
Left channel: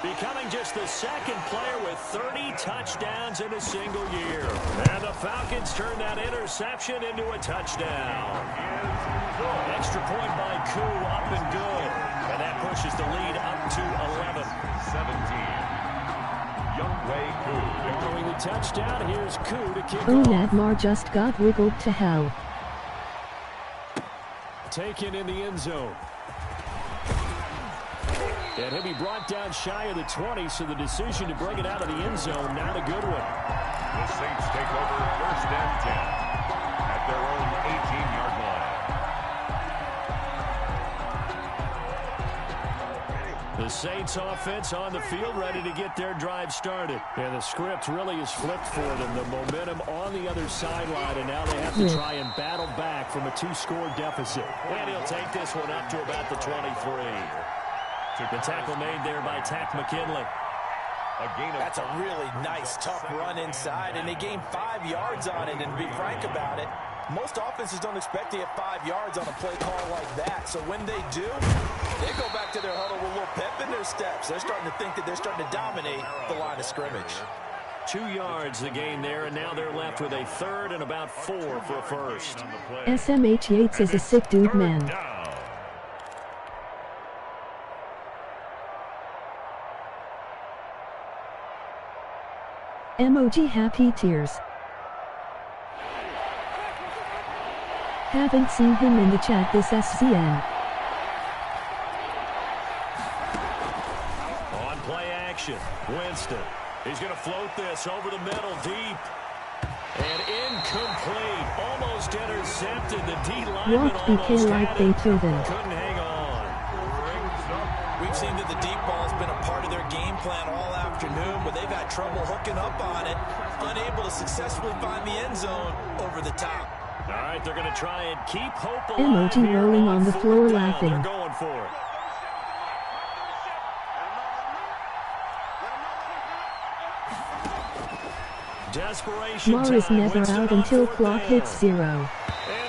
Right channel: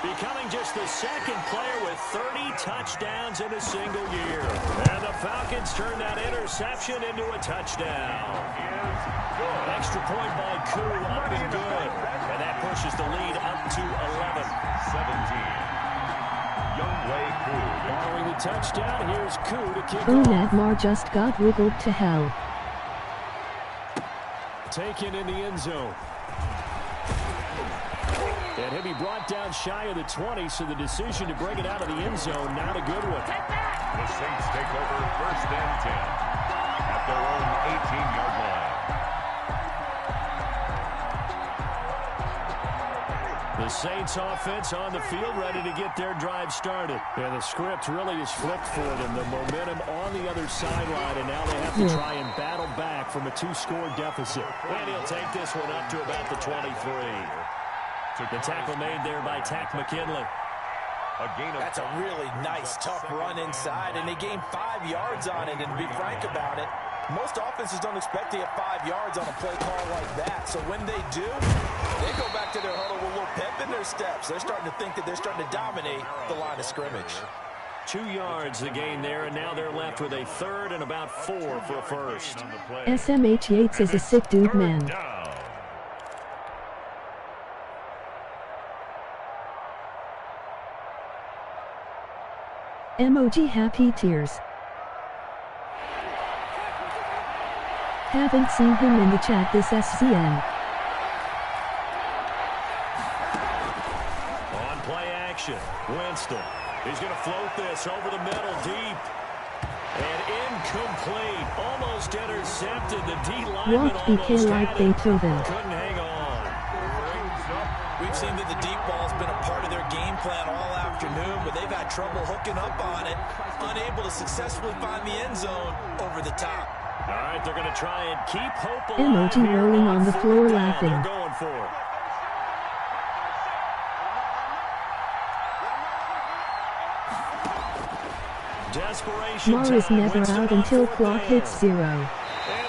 Becoming just the 2nd player with 30 touchdowns in a single year. And the Falcons turn that interception into a touchdown. Extra point by Koo, up and good. And that pushes the lead up to 11. 17. Younghoe Koo. Following the touchdown, here's Koo to kick Oh, off. Nadmar just got wiggled to hell. Taken in the end zone. And he'll be brought down shy of the 20, so the decision to bring it out of the end zone, not a good one. The Saints take over 1st and 10 at their own 18-yard line. The Saints offense on the field ready to get their drive started. And the script really is flipped for them. The momentum on the other sideline, and now they have to try and battle back from a 2-score deficit. And he'll take this one up to about the 23. The tackle made there by Tack McKinley. That's a really nice, tough run inside, and they gained 5 yards on it. And to be frank about it, most offenses don't expect to get 5 yards on a play call like that. So when they do, they go back to their huddle with a little pep in their steps. They're starting to think that they're starting to dominate the line of scrimmage. 2 yards the gain there, and now they're left with a 3rd and about 4 for a first. SMH Yates is a sick dude, man. Emoji happy tears. Haven't seen him in the chat this SCN. On play action, Winston. He's going to float this over the middle deep. And incomplete. Almost intercepted. The D lineman What BK like Beethoven. couldn't hang on. We've seemed that the deep ball's been a part of their game plan all afternoon, but they've had trouble hooking up on it, unable to successfully find the end zone over the top. All right, they're going to try and keep hope alive. Emoji rolling on the floor laughing. They're going for it. Desperation Morris time. never Winston out on until fourth clock down. hits 0. And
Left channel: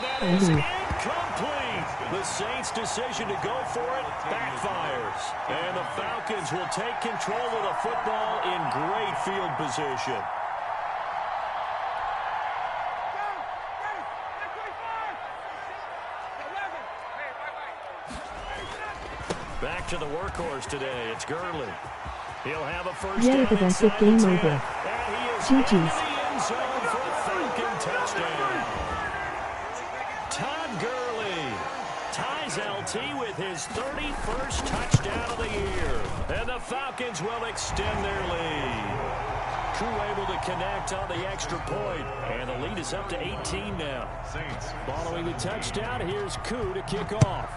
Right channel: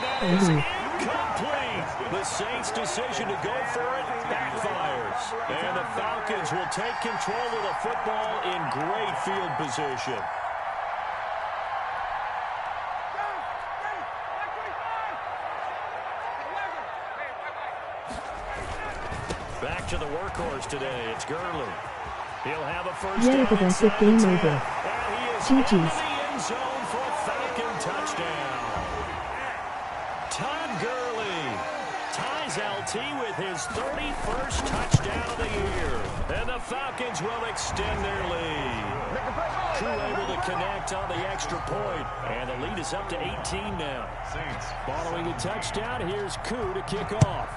that is incomplete. The Saints' decision to go for it backfires. And the Falcons will take control of the football in great field position. Back to the workhorse today. It's Gurley. He'll have a first down inside game the 10. over. And he is GG's. in the end zone for a Falcon touchdown. Todd Gurley ties LT with his 31st touchdown of the year. And the Falcons will extend their lead. Koo able to connect on the extra point. And the lead is up to 18 now. Following the touchdown, here's Koo to kick off.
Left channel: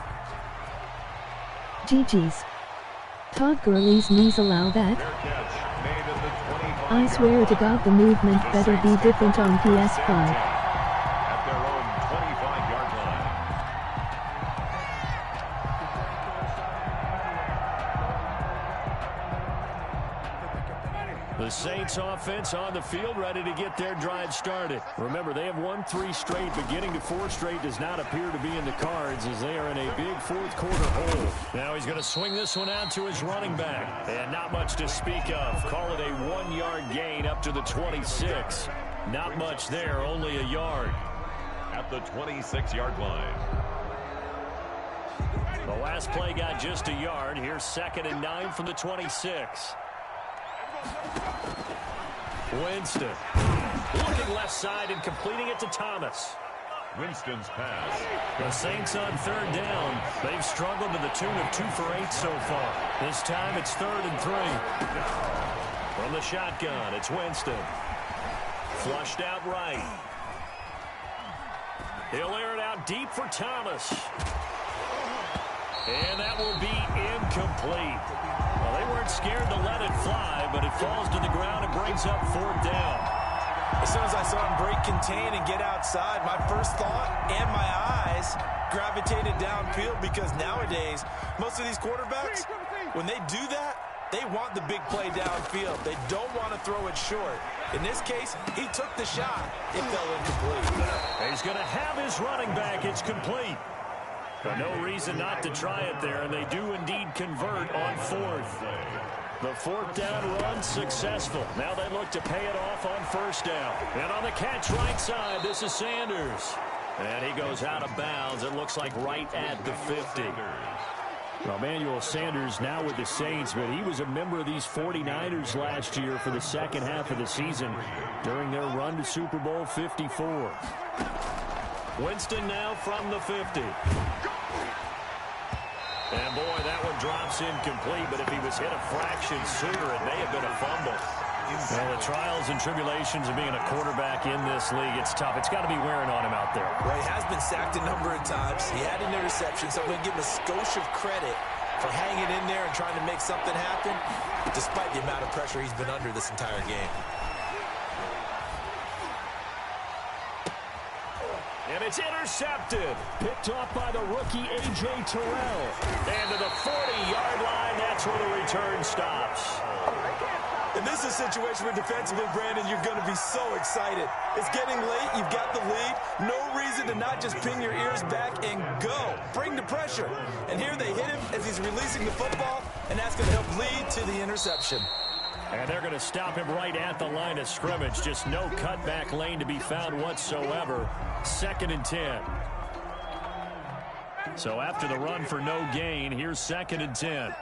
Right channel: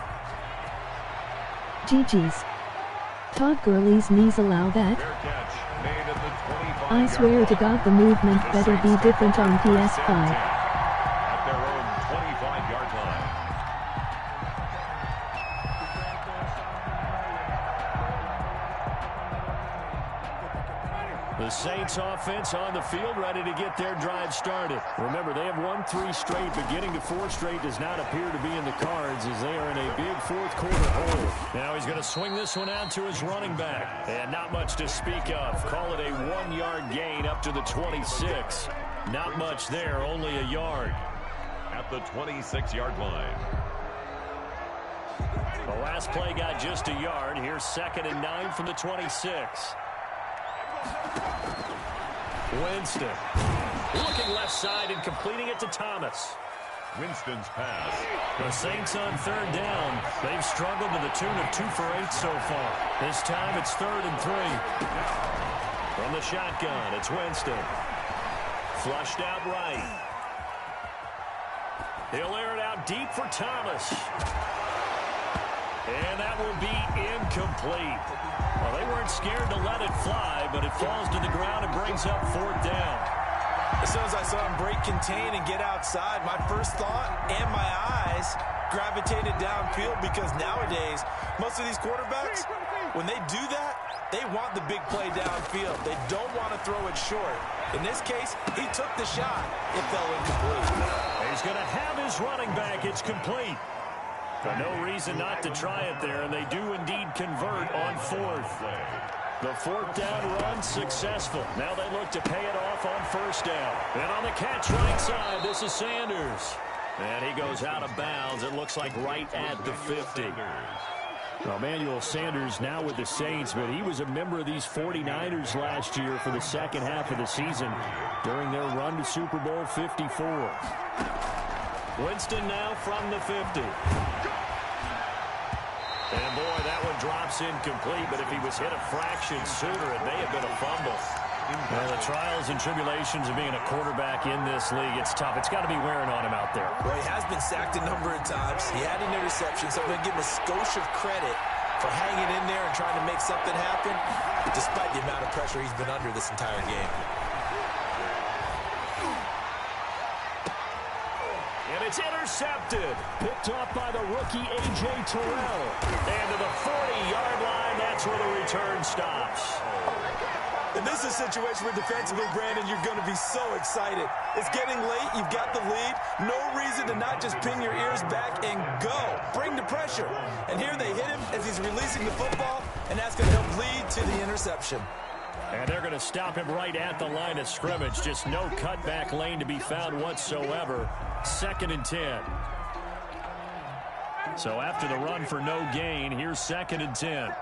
GG's. Todd Gurley's knees allow that? I swear to God the movement better be different on PS5. At their own 25-yard line. The Saints offense on the field, ready to get their drive started. Remember, they have won 3 straight, but getting to 4 straight does not appear to be in the cards as they are in a big fourth quarter hole. Now he's going to swing this one out to his running back. And not much to speak of. Call it a 1-yard gain up to the 26. Not much there, only a yard. At the 26-yard line. The last play got just a yard. Here's 2nd and 9 from the 26. Winston looking left side and completing it to Thomas. Winston's pass. The Saints on 3rd down. They've struggled to the tune of 2 for 8 so far. This time it's 3rd and 3. From the shotgun, it's Winston. Flushed out right. He'll air it out deep for Thomas. And that will be incomplete. Well, they weren't scared to let it fly, but it falls to the ground and brings up 4th down. As soon as I saw him break contain and get outside, my first thought and my eyes gravitated downfield because nowadays, most of these quarterbacks, when they do that, they want the big play downfield. They don't want to throw it short. In this case, he took the shot. It fell incomplete. He's going to have his running back. It's complete. No reason not to try it there, and they do indeed convert on 4th. The 4th down run successful. Now they look to pay it off on 1st down. And on the catch right side, this is Sanders. And he goes out of bounds. It looks like right at the 50. Well, Emmanuel Sanders now with the Saints, but he was a member of these 49ers last year for the second half of the season during their run to Super Bowl 54. Winston now from the 50. And boy, that one drops incomplete, but if he was hit a fraction sooner, it may have been a fumble. Well, the trials and tribulations of being a quarterback in this league, it's tough. It's got to be wearing on him out there. Well, he has been sacked a number of times. He had an interception, so I'm going to give him a skosh of credit for hanging in there and trying to make something happen, despite the amount of pressure he's been under this entire game. And it's intercepted. Picked off by the rookie A.J. Terrell. And to the 40-yard line, that's where the return stops. And this is a situation where defensively, Brandon, you're going to be so excited. It's getting late. You've got the lead. No reason to not just pin your ears back and go. Bring the pressure. And here they hit him as he's releasing the football, and that's going to help lead to the interception. And they're going to stop him right at the line of scrimmage. Just no cutback lane to be found whatsoever. 2nd and 10. So after the run for no gain, here's 2nd and 10.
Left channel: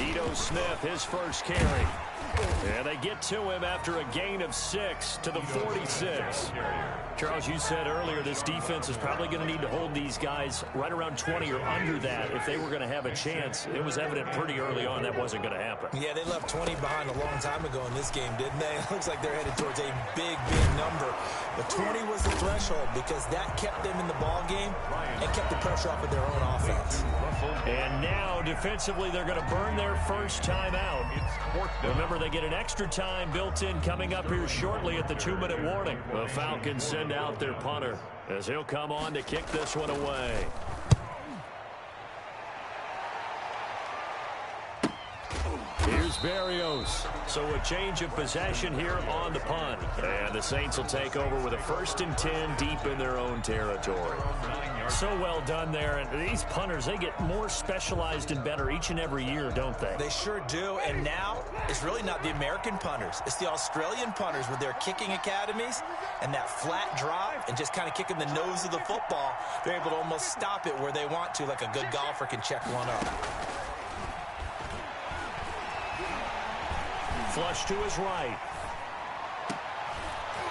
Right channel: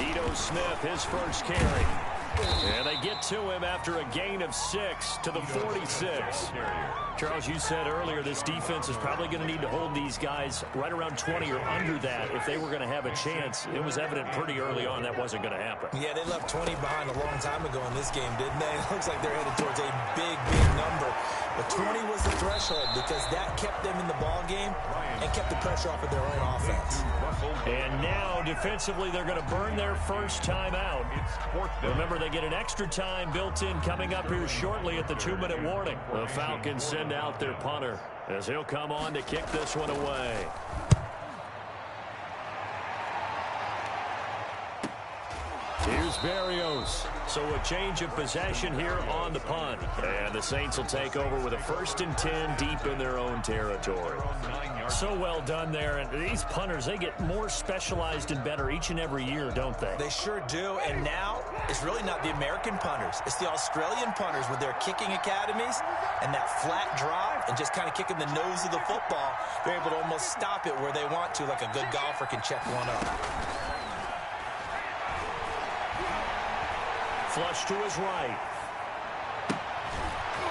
Ito Smith, his first carry. And they get to him after a gain of 6 to the 46. Charles, you said earlier this defense is probably going to need to hold these guys right around 20 or under that if they were going to have a chance. It was evident pretty early on that wasn't going to happen. Yeah, they left 20 behind a long time ago in this game, didn't they? It looks like they're headed towards a big, big number. But 20 was the threshold because that kept them in the ball game and kept the pressure off of their own offense. And now, defensively, they're going to burn their first time out. Remember, they get an extra time built in coming up here shortly at the 2-minute warning. The Falcons send out their punter as he'll come on to kick this one away. Here's Berrios. So a change of possession here on the punt. And the Saints will take over with a 1st and 10 deep in their own territory. So well done there. And these punters, they get more specialized and better each and every year, don't they? They sure do. And now it's really not the American punters. It's the Australian punters with their kicking academies and that flat drop and just kind of kicking the nose of the football. They're able to almost stop it where they want to, like a good golfer can check one up. Flush to his right.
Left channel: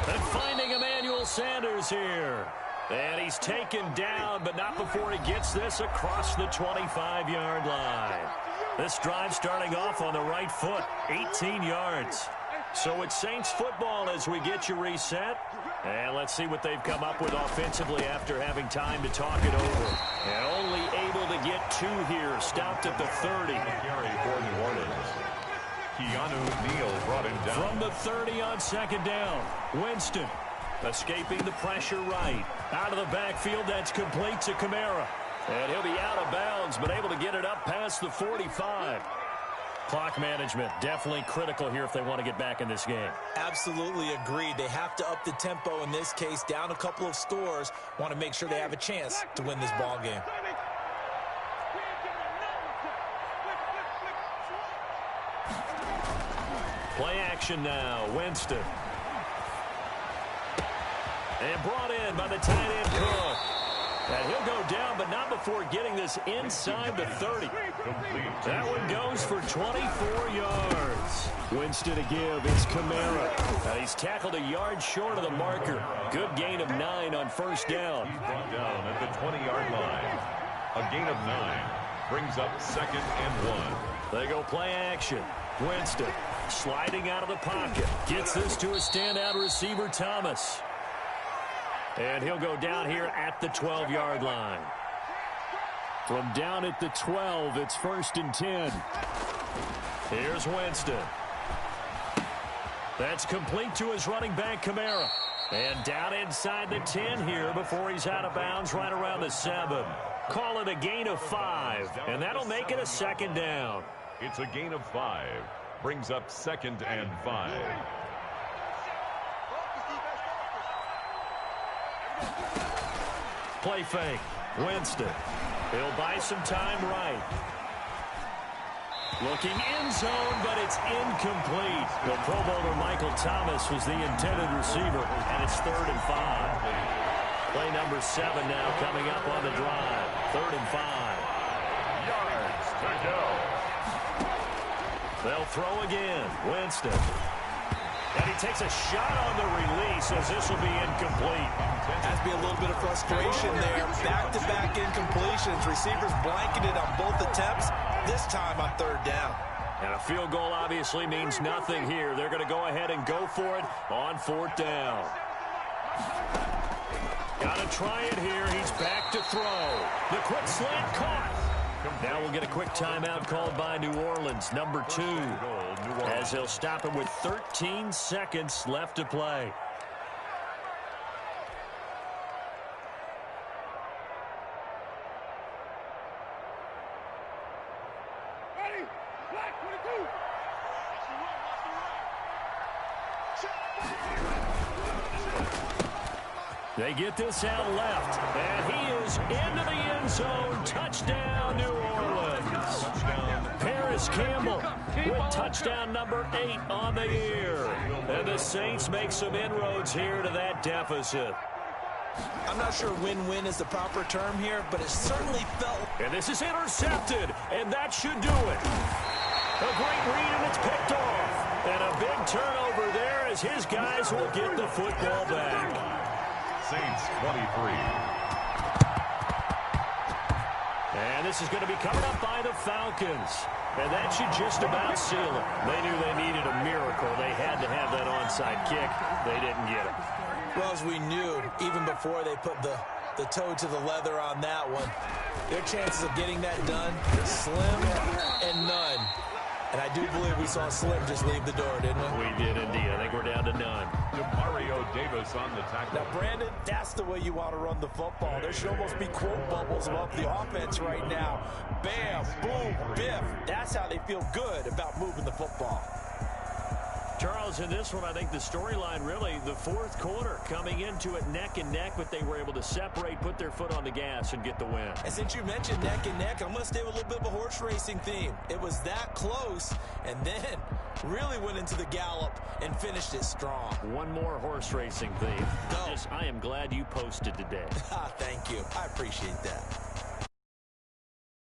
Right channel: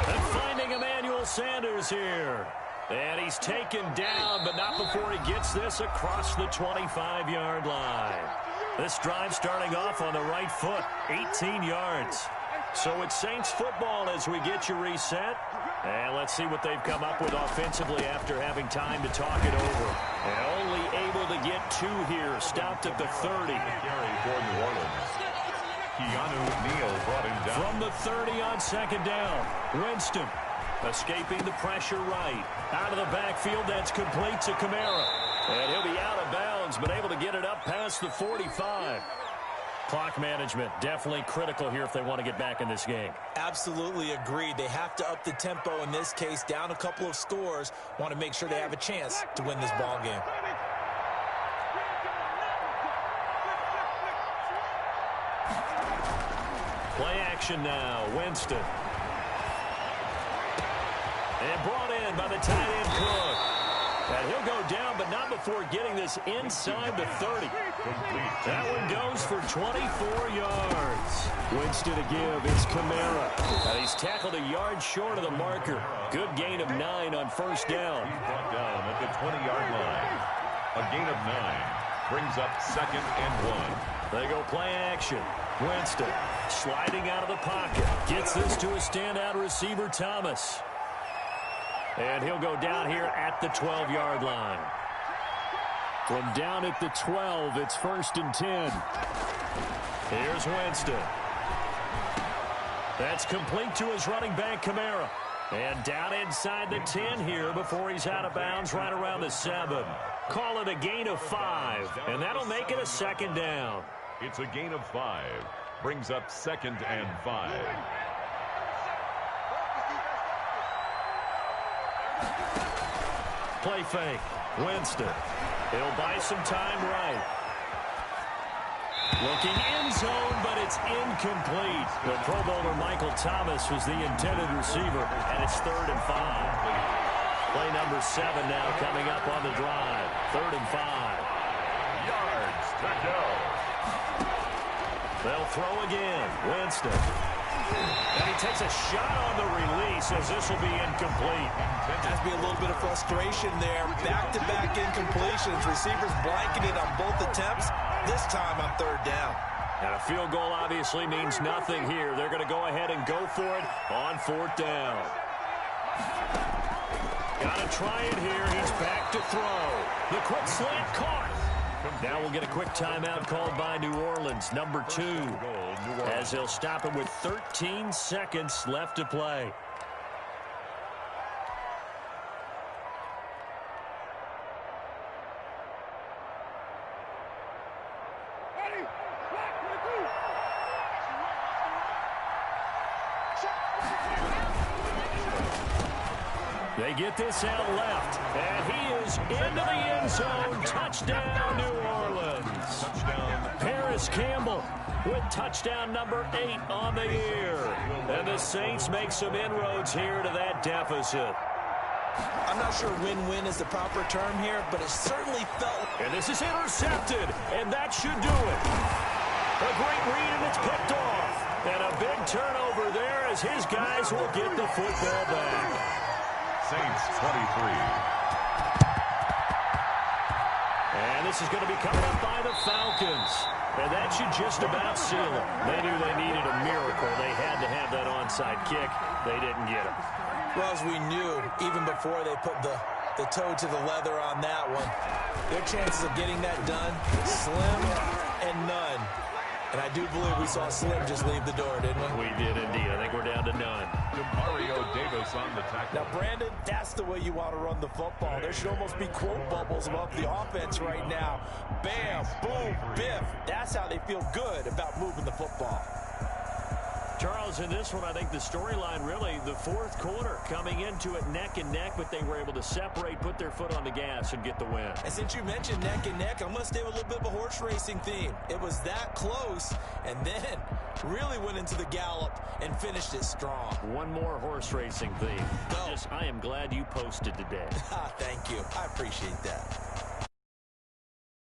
And finding Emmanuel Sanders here. And he's taken down, but not before he gets this across the 25-yard line. This drive starting off on the right foot, 18 yards. So it's Saints football as we get you reset. And let's see what they've come up with offensively after having time to talk it over. And only able to get 2 here, stopped at the 30. Carry for New Orleans. Keanu Neal brought him down. From the 30 on 2nd down, Winston escaping the pressure right. Out of the backfield, that's complete to Kamara. And he'll be out of bounds, but able to get it up past the 45. Clock management, definitely critical here if they want to get back in this game. Absolutely agreed. They have to up the tempo in this case, down a couple of scores. Want to make sure they have a chance to win this ball game. Play action now, Winston. And brought in by the tight end Cook. And he'll go down, but not before getting this inside the 30. That one goes for 24 yards. Winston to give, it's Kamara. And he's tackled a yard short of the marker. Good gain of 9 on 1st down. He's brought down at the 20-yard line. A gain of 9 brings up 2nd and 1. They go play action. Winston sliding out of the pocket. Gets this to a standout receiver, Thomas. And he'll go down here at the 12-yard line. From down at the 12, it's 1st and 10. Here's Winston. That's complete to his running back, Kamara. And down inside the 10 here before he's out of bounds right around the 7. Call it a gain of 5, and that'll make it a 2nd down. It's a gain of 5. Brings up 2nd and 5. Play fake. Winston. He'll buy some time right. Looking end zone, but it's incomplete. The Pro Bowler Michael Thomas was the intended receiver, and it's 3rd and 5. Play number 7 now coming up on the drive. 3rd and 5. Yards to go. They'll throw again. Winston. And he takes a shot on the release as this will be incomplete. Has to be a little bit of frustration there. Back-to-back incompletions. Receivers blanketed on both attempts, this time on 3rd down. And a field goal obviously means nothing here. They're going to go ahead and go for it on 4th down. Got to try it here. He's back to throw. The quick slant caught. Now we'll get a quick timeout called by New Orleans, number 2, as they'll stop it with 13 seconds left to play. Ready? Black 22. They get this out left, and he is into the end zone. Touchdown, New Orleans. Touchdown. Paris Campbell with touchdown number 8 on the year. And the Saints make some inroads here to that deficit. I'm not sure win-win is the proper term here, but it certainly felt... And this is intercepted, and that should do it. A great read, and it's picked off. And a big turnover there as his guys will get the football back. Saints 23. And this is going to be coming up by the Falcons. And that should just about seal it. They knew they needed a miracle. They had to have that onside kick. They didn't get it. Well, as we knew, even before they put the toe to the leather on that one, their chances of getting that done, slim and none. And I do believe we saw Slim just leave the door, didn't we? We did indeed. I think we're down to none. Mario Davis on the tackle. Now, Brandon, that's the way you want to run the football. There should almost be quote bubbles above the offense right now. Bam, boom, biff. That's how they feel good about moving the football. Charles, in this one, I think the storyline really, the fourth quarter, coming into it neck and neck, but they were able to separate, put their foot on the gas, and get the win. And since you mentioned neck and neck, I'm going to stay with a little bit of a horse racing theme. It was that close, and then really went into the gallop and finished it strong. One more horse racing theme. Go. I am glad you posted today. Thank you. I appreciate that.